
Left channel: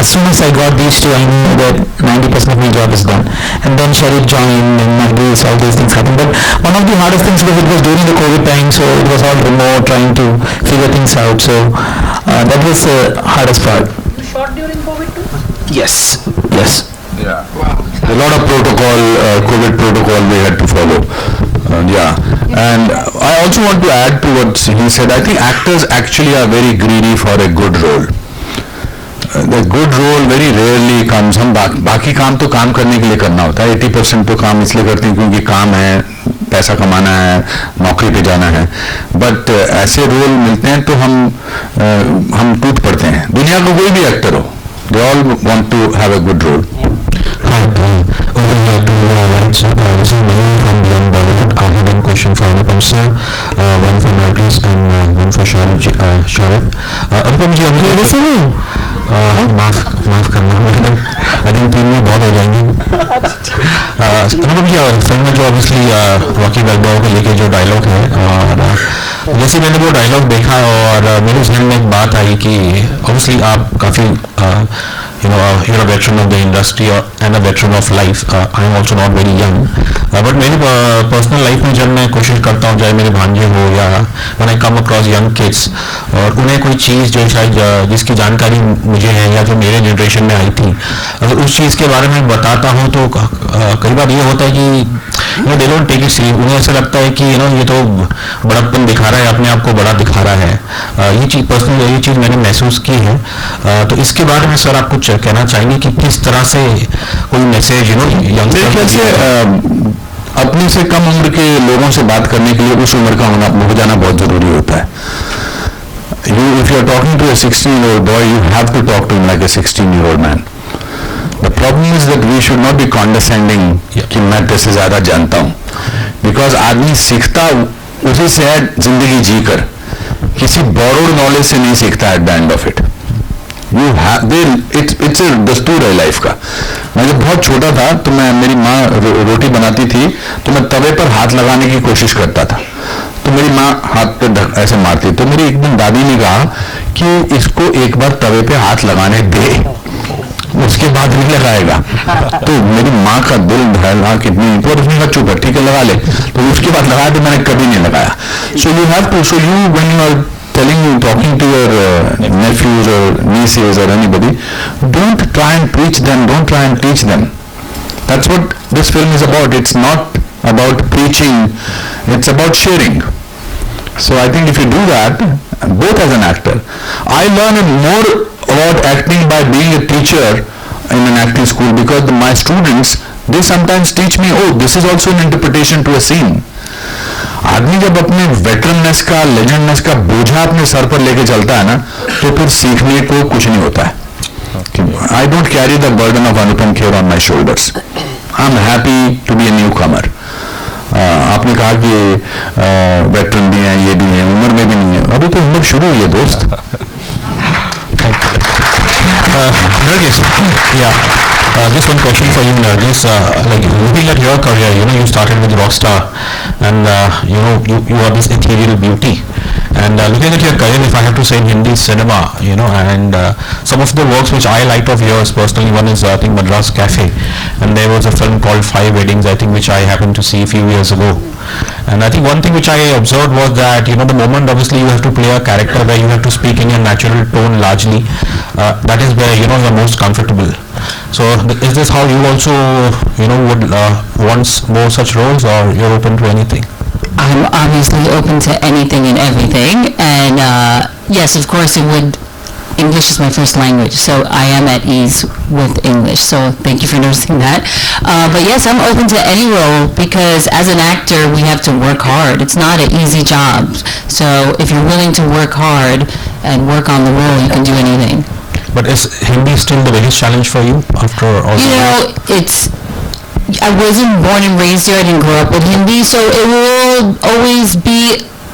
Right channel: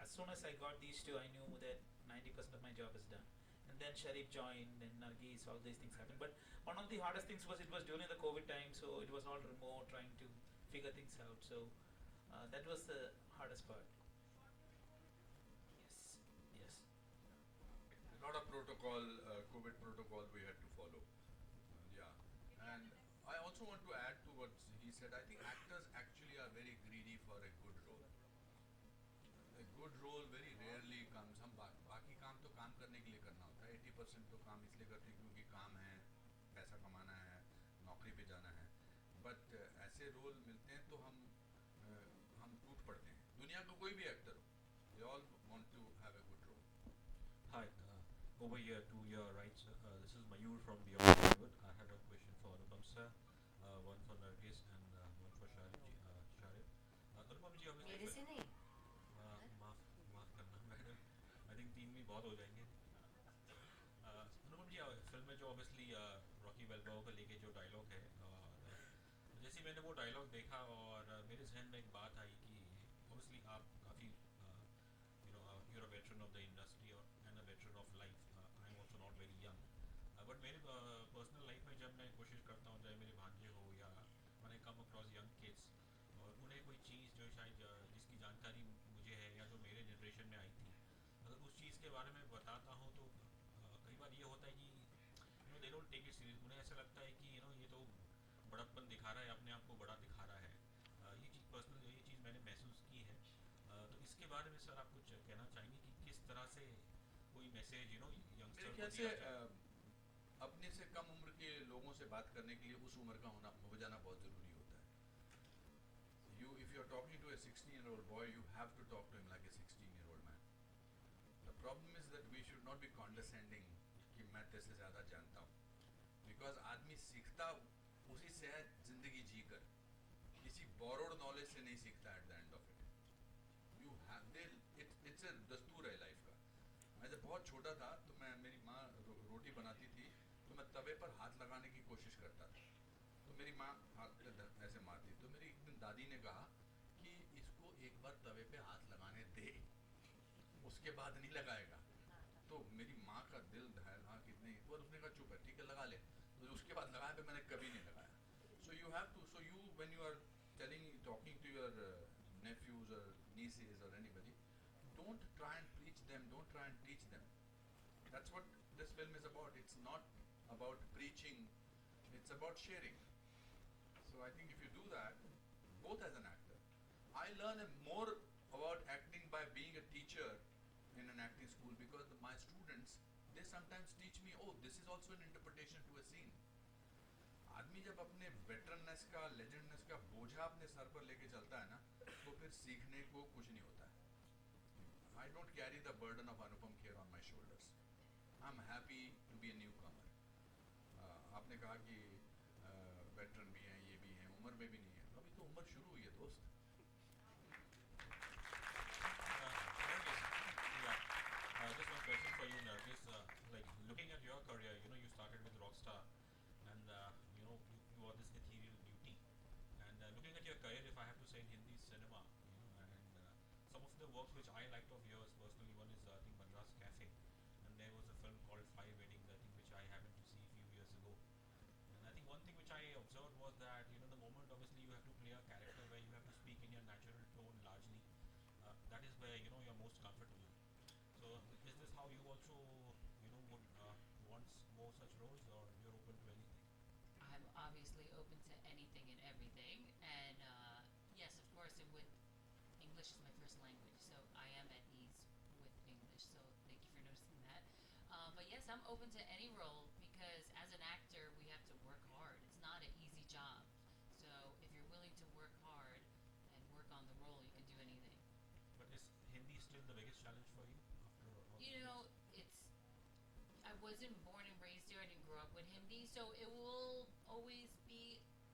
as soon as I got these two, I knew that 90% of my job is done. And then Sharif joined, and Margis, all these things happened. But one of the hardest things was it was during the COVID time, so it was all remote, trying to figure things out. So that was the hardest part. You shot during COVID too? Yes. Yeah. A lot of protocol, COVID protocol we had to follow. And I also want to add to what he said. I think actors actually are very greedy for a good role. The good role very rarely comes. हम बाकी काम तो काम करने के लिए करना होता है, 80% तो काम इसलिए करते हैं क्योंकि काम है, पैसा कमाना है, नौकरी पे जाना है, बट ऐसे रोल मिलते हैं तो हम टूट पड़ते हैं। दुनिया का कोई भी एक्टर हो, they all want to have a good role. Hi, over here to this is Manu from Young Bollywood. I have one question for Anupam sir, one for Margis and one for Sharif. Anupam जी, माफ करना, I think 3 में बहुत हो जाएंगे। अनुपम जी, film में जो obviously Rocky बैल्बोआ को लेके जो डायलॉग है, और जैसे मैंने वो डायलॉग देखा और मेरे जहन में एक बात आई कि ऑब्वियसली आप काफ़ी you're a veteran of the industry and a veteran of life. I'm also not very young, but मेरी पर्सनल लाइफ में जब मैं कोशिश करता हूँ, चाहे मेरे भांजे हो या when I come across young kids, और उन्हें कोई चीज़ जो शायद जिसकी जानकारी मुझे है या जो मेरे जनरेशन में आई थी, अगर उस चीज़ के बारे में बताता हूँ तो कई बार ये होता है कि they don't take it serious. उन्हें ऐसा लगता है कि ये तो बड़प्पन दिखा रहा है, अपने आप को बड़ा दिखा रहा है. ये चीज़ पर्सनली ये चीज़ मैंने महसूस की है. तो इसके बारे में सर आप कुछ कहना चाहेंगे कि किस तरह से कोई मैसेज मेरे से अपने से कम उम्र के लोगों से बात करने के लिए उस उम्र का हो जाना बहुत जरूरी होता है. If you are talking to a 16-year-old boy, you have to talk to him like a 16-year-old man. The problem is that we should not be condescending कि मैं तेरे से ज्यादा जानता हूँ, because आदमी सीखता उसी से है जिंदगी जीकर, किसी borrowed knowledge से नहीं सीखता at the end of it. It's a दस्तूर है लाइफ का. मैं जब बहुत छोटा था तो मेरी माँ रोटी बनाती थी तो मैं तवे पर हाथ लगाने की कोशिश करता था, तो मेरी माँ हाथ पे ऐसे मारती. तो मेरी एक दिन दादी ने कहा कि इसको एक बार तवे पे हाथ लगाने दे, उसके बाद नहीं लगाएगा. तो मेरी माँ का दिल धड़का कितनी, तो उसने कहा चुप है, ठीक है लगा ले. तो उसके बाद लगाया तो मैंने कभी नहीं लगाया. So you when you are talking to your nephews or nieces or anybody, don't try and preach them, don't try and teach them. That's what this film is about. It's not about preaching, it's about sharing. So I think if you do that, both as an actor, I learn more about acting by being a teacher in an acting school, because my students, they sometimes teach me, oh, this is also an interpretation to a scene. आदमी जब अपने वेटरननेस का, लेजेंडनेस का बोझा अपने sir पर लेके चलता है ना, तो फिर सीखने को कुछ नहीं होता है. I don't carry the burden of Anupam Kher on my shoulders. I'm happy to be a newcomer. आपने कहा कि वेटरन भी हैं, ये भी हैं, उम्र में भी नहीं है, अभी तो उम्र शुरू हुई है दोस्त. Just one question for you, Nargis. Like looking at your career, you started with Rockstar, and you are this ethereal beauty. And looking at your career, if I have to say in Hindi cinema, and some of the works which I liked of yours personally, one is I think Madras Cafe, and there was a film called Five Weddings, I think, which I happened to see a few years ago. And I think one thing which I observed was that the moment obviously you have to play a character where you have to speak in your natural tone largely, that is where you're most comfortable. So is this how you also would want more such roles, or you're open to anything? I'm obviously open to anything and everything, and yes, of course it would. English is my first language, so I am at ease with English, so thank you for noticing that. But yes, I'm open to any role, because as an actor we have to work hard. It's not an easy job, so if you're willing to work hard and work on the role, you can do anything. But is Hindi still the biggest challenge for you after all years? I wasn't born and raised here, I didn't grow up with Hindi, so it will always be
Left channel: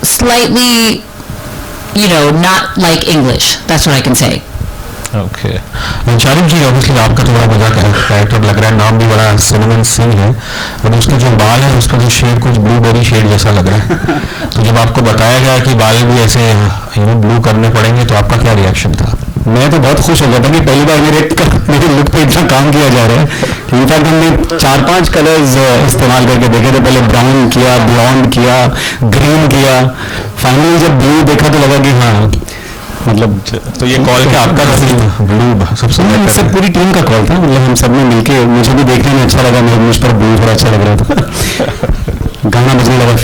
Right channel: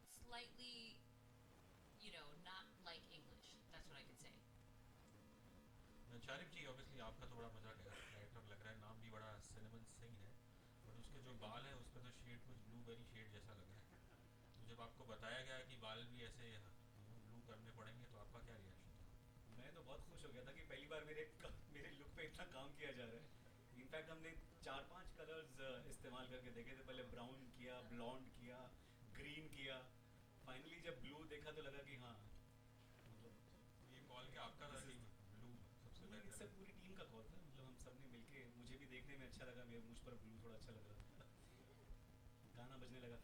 slightly not like English. That's what I can say. Okay. Sharif ji, obviously आपका तो बड़ा मजा character लग रहा है, नाम भी बड़ा सिनेमन सिंह है, और उसके जो बाल है उसका जो शेड कुछ ब्लूबेरी शेड जैसा लग रहा है. तो जब आपको बताया गया कि बाल भी ऐसे ब्लू करने पड़ेंगे, तो आपका क्या रिएक्शन था? मैं तो बहुत खुश हो गया था कि पहली बार मेरे लुक पे इतना काम किया जा रहा है. इनफैक्ट हमने 4-5 कलर्स इस्तेमाल करके देखे थे. पहले ब्राउन किया, ब्लॉन्ड किया, ग्रीन किया, फाइनली जब ब्लू देखा तो लगा कि हाँ, मतलब तो ये कॉल क्या आपका था? ब्लू सबसे सब पूरी टीम का कॉल था. मतलब हम सब ने मिलके, मुझे भी देखने में अच्छा लगा, मुझ पर ब्लू थोड़ा अच्छा लग रहा था. गाना बजने लगा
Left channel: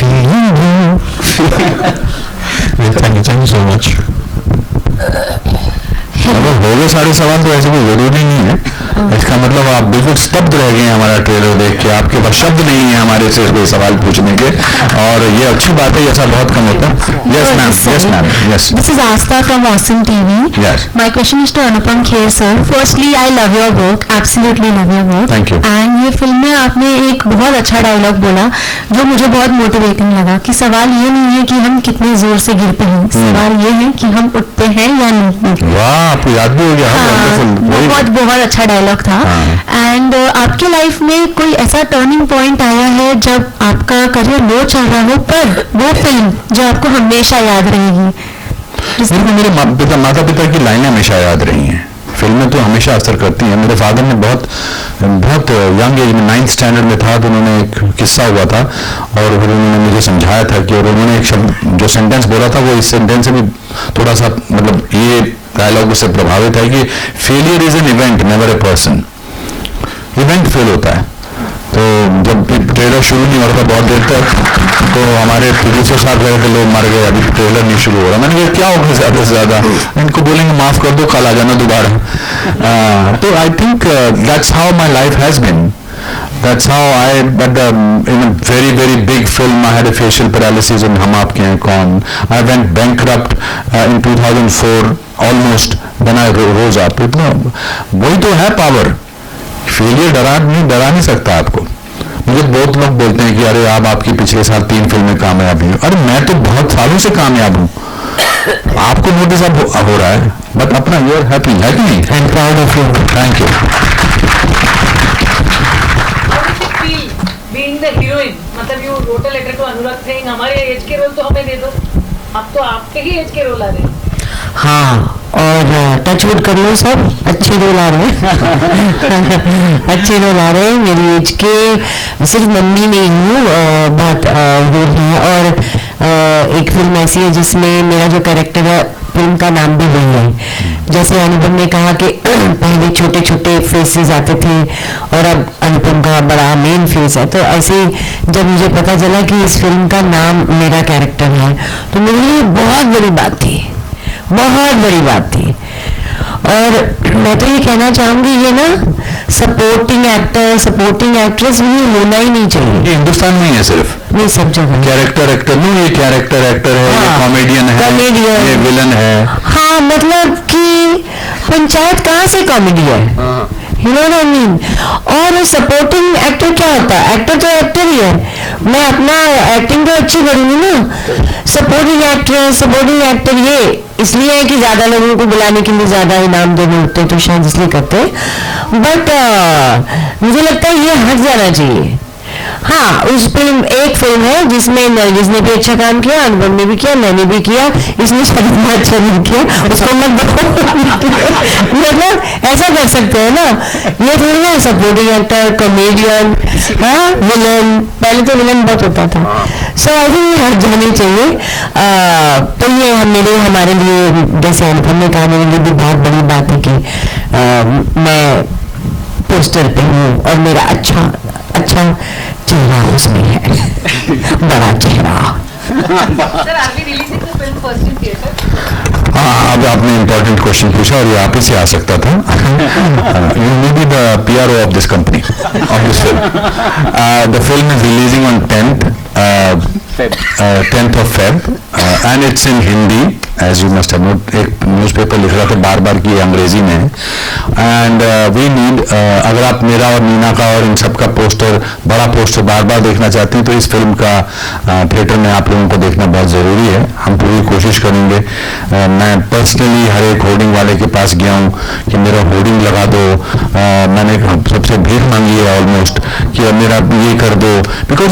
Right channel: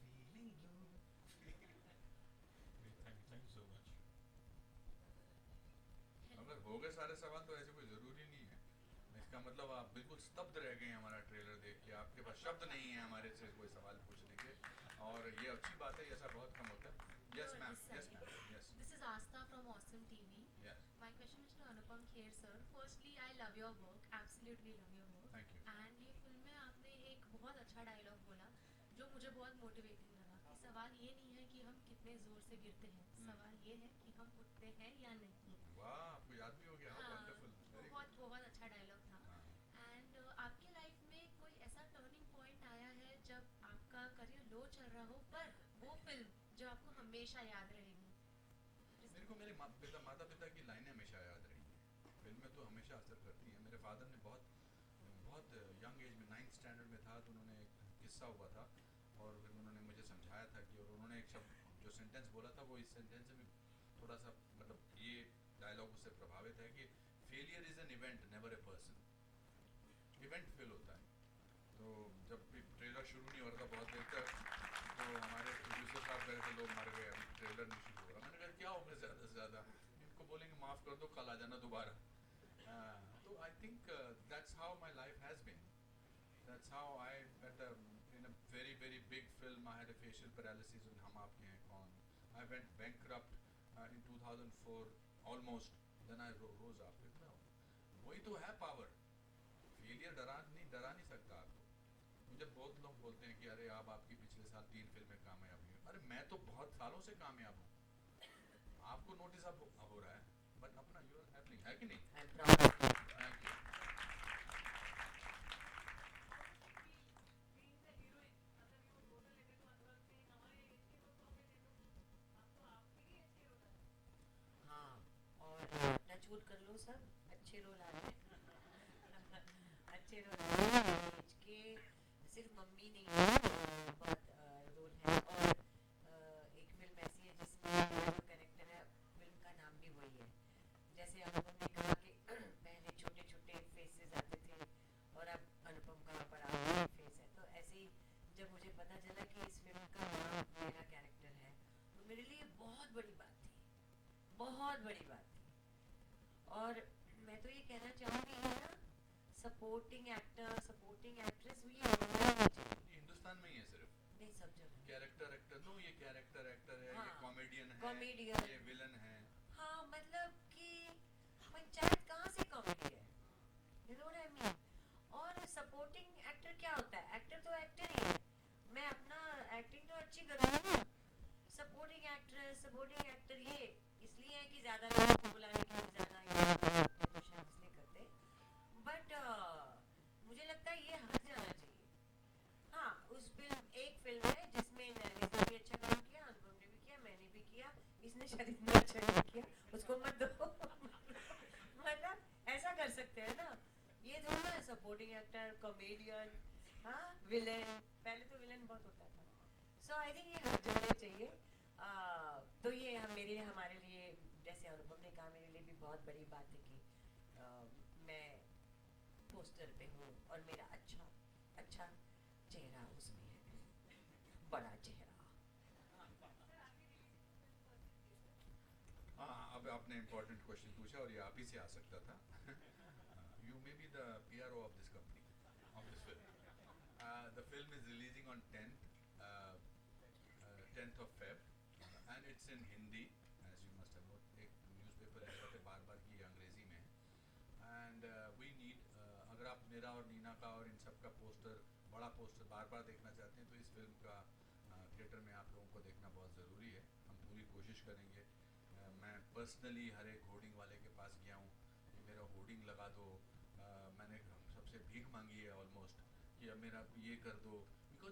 थैंक यू सो मच. अगर हो गए सारे सवाल तो ऐसे कोई जरूरी नहीं है. इसका मतलब आप बिल्कुल स्तब्ध रह गए हमारा ट्रेलर देख के, आपके पास शब्द नहीं है हमारे से कोई सवाल पूछने के, और ये अच्छी बात है, ऐसा बहुत कम होता है. Yes ma'am, yes ma'am, yes. This is Asta from Awesome TV. Yes. My question is to Anupam Kher sir. Firstly, I love your work, absolutely love your work. Thank you. And ये film में आपने एक बहुत अच्छा dialogue बोला जो मुझे बहुत मोटिवेटिंग लगा, कि सवाल ये नहीं है कि हम कितने जोर से गिरते हैं, सवाल ये है कि हम उठते हैं या नहीं. वाह, आपको याद भी हो गया. बहुत अच्छा डायलॉग था. एंड आपके लाइफ में कोई ऐसा टर्निंग पॉइंट आया है जब आपका करियर लो चल रहा हो, पर वो फिल्म जो आपको हमेशा याद रहेगी? मेरे माता पिता की लाइनें हमेशा याद रही हैं. फिल्में तो हमेशा असर करती हैं. मेरे फादर ने बहुत यंग एज में 9th स्टैंडर्ड में था तो उन्होंने एक किस्सा हुआ था और फिर उन्होंने मुझे समझाया था कि, और उन्होंने एक शब्द जो सेंटेंस बोला था वो इस सेंटेंस से भी थोड़ा सा मतलब ये डायलॉग उससे प्रभावित है कि failure is an event never a person. Event fail होता है. तो जब ट्रेलर शुरू नहीं हो रहा था बहुत देर तक तो हमारे प्रोड्यूसर साहब कह रहे थे लोग मर गए, अभी ट्रेलर नहीं शुरू हो रहा. मैंने कहा क्या होगा ज़्यादा से ज़्यादा, इनको बोलेंगे माफ़ कर दो कल आ जाना दोबारा. तो I think that's how my life has been. That's how but in a very very big film I had a facial paralysis in हम आपके हैं कौन. I went bankrupt in 2004 almost. Then I rose up. इतना वही तो है power. Failure डरा नहीं सकता आपको. मुझे बहुत लोग बोलते हैं कि अरे आपकी पिछले साल 3 फिल्में कामयाब हुई. अरे मैं तो बहुत सालों से कामयाब हूँ. आपको नोटिस अब हो रहा है बट अपना यू आर हैप्पी है कि नहीं. I am proud of you. Thank you. Being the heroine, मतलब you wrote a letter to Anurag saying हमारे एज के रोल तो हमें दे दो, अब तो आपके ही एज के रोल आ रहे हैं. हाँ, और टचवुड कर लो सब अच्छे रोल आ रहे हैं. अच्छे रोल आ रहे हैं. मेरी एज के सिर्फ मम्मी नहीं हूँ, बहुत रोल हैं. और एक फिल्म ऐसी है जिसमें मेरा जो कैरेक्टर है फिल्म का नाम भी वही है. जैसे अनुपम ने कहा कि पहले छोटे छोटे फेसेस आते थे और अब अनुपम का बड़ा मेन फेस है, तो ऐसे ही जब मुझे पता चला कि इस फिल्म का नाम मेरा कैरेक्टर है तो मेरे लिए बहुत बड़ी बात थी, बहुत बड़ी बात थी. और मैं तो ये कहना चाहूँगी ये ना सपोर्टिंग एक्टर सपोर्टिंग एक्ट्रेस ये होना ही नहीं चाहिए. ये हिंदुस्तान में ही है सिर्फ, नहीं सब जगह. कैरेक्टर एक्टर नहीं, ये कैरेक्टर एक्टर है, ये कॉमेडियन है, कॉमेडियन, ये विलन है. हाँ, मतलब कि पंचायत कहाँ से कॉमेडी है, you know what I mean. और सपोर्टिंग एक्टर क्या होता है? एक्टर तो एक्टर ही है. मैं अपना एक्टिंग तो अच्छी करूँगी ना. सपोर्टिंग एक्टर ये इसलिए है कि ज़्यादा लोगों को बुलाने के लिए ज़्यादा इनाम देने होते हैं तो शायद इसलिए करते हैं. बट मुझे लगता है ये हट जाना चाहिए. हाँ, उस एक फिल्म है जिसमें नरगिस ने भी अच्छा काम किया, अनुपम ने भी किया, मैंने भी किया. इसमें शायद मैं अच्छा नहीं किया, उसको मत मतलब ऐसा कर सकते हैं ना. ये थोड़ी ना सपोर्टिंग एक्टर कॉमेडियन, हाँ विलन. पहले तो विलन बहुत होता था. सो आई थिंक हट जानी चाहिए. तो ये हमारे लिए जैसे अनुपम ने कहा मेरे लिए भी बहुत बड़ी बात है कि मैं पोस्टर पे हूँ और मेरा अच्छा चेहरा उसमें है. बड़ा चेहरा. Sir are we releasing the film first in theatre? हाँ, अब आपने इम्पोर्टेंट क्वेश्चन पूछा और ये आप ही से आ सकता था. You may be the PRO of this company of this film. The film is releasing on 10th of Feb and it's in Hindi as you must have noted. एक न्यूज़पेपर लिख रहा था बार बार कि अंग्रेजी में है. एंड वी नीड अगर आप मेरा और मीना का और इन सब का पोस्टर, बड़ा पोस्टर बार बार देखना चाहती हैं तो इस फिल्म का थिएटर में आप लोगों को देखना बहुत ज़रूरी है. हम पूरी कोशिश करेंगे. मैं पर्सनली हर एक होर्डिंग वाले के पास गया हूँ कि मेरा होर्डिंग लगा दो. मैंने सबसे भीख मांगी है ऑलमोस्ट कि मेरा ये कर दो. बिकॉज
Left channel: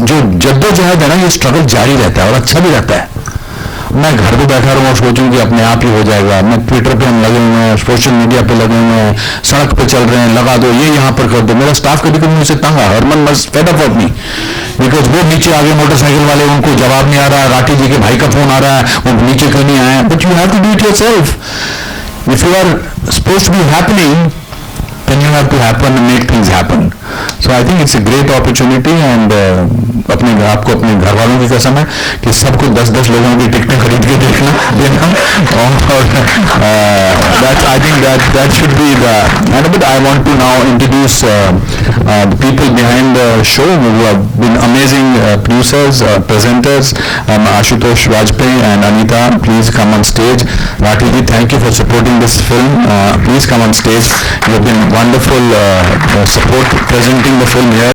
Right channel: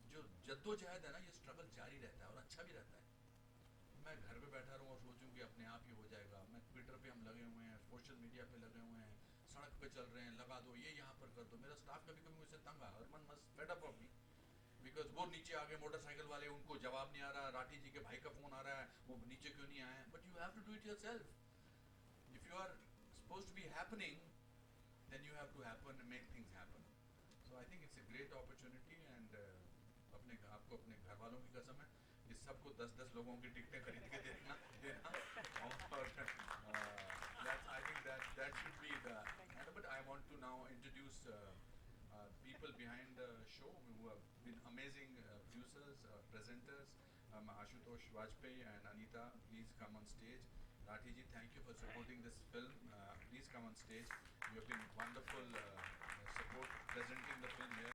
जो जद्दोजहद है ना, ये स्ट्रगल जारी रहता है और अच्छा भी रहता है. मैं घर पे बैठा रहूँ और सोचूं कि अपने आप ही हो जाएगा. मैं ट्विटर पे हम लगे हुए हैं, सोशल मीडिया पे लगे हुए हैं, सड़क पे चल रहे हैं, लगा दो ये यहाँ पर कर दो. मेरा स्टाफ कभी कभी मुझसे तंग है. Harman must fed up of me because वो नीचे आगे मोटरसाइकिल वाले, उनको जवाब नहीं आ रहा. राठी जी के भाई का फोन आ रहा है, वो नीचे क्यों नहीं आए. But you have to do it yourself. If you are supposed to be happening then you have to happen and make things happen. So I think it's a great opportunity and आपको अपने घर वालों की कसम है कि सबको 10-10 लोगों की टिकटें खरीद के देखना देना. और I think that should be the. But I want to now introduce the people behind the show who have been amazing producers, presenters. Ashutosh Vajpayee and Anita, please come on stage. Rathi ji, thank you for supporting this film. Please come on stage. You have been wonderful support presenting the film here.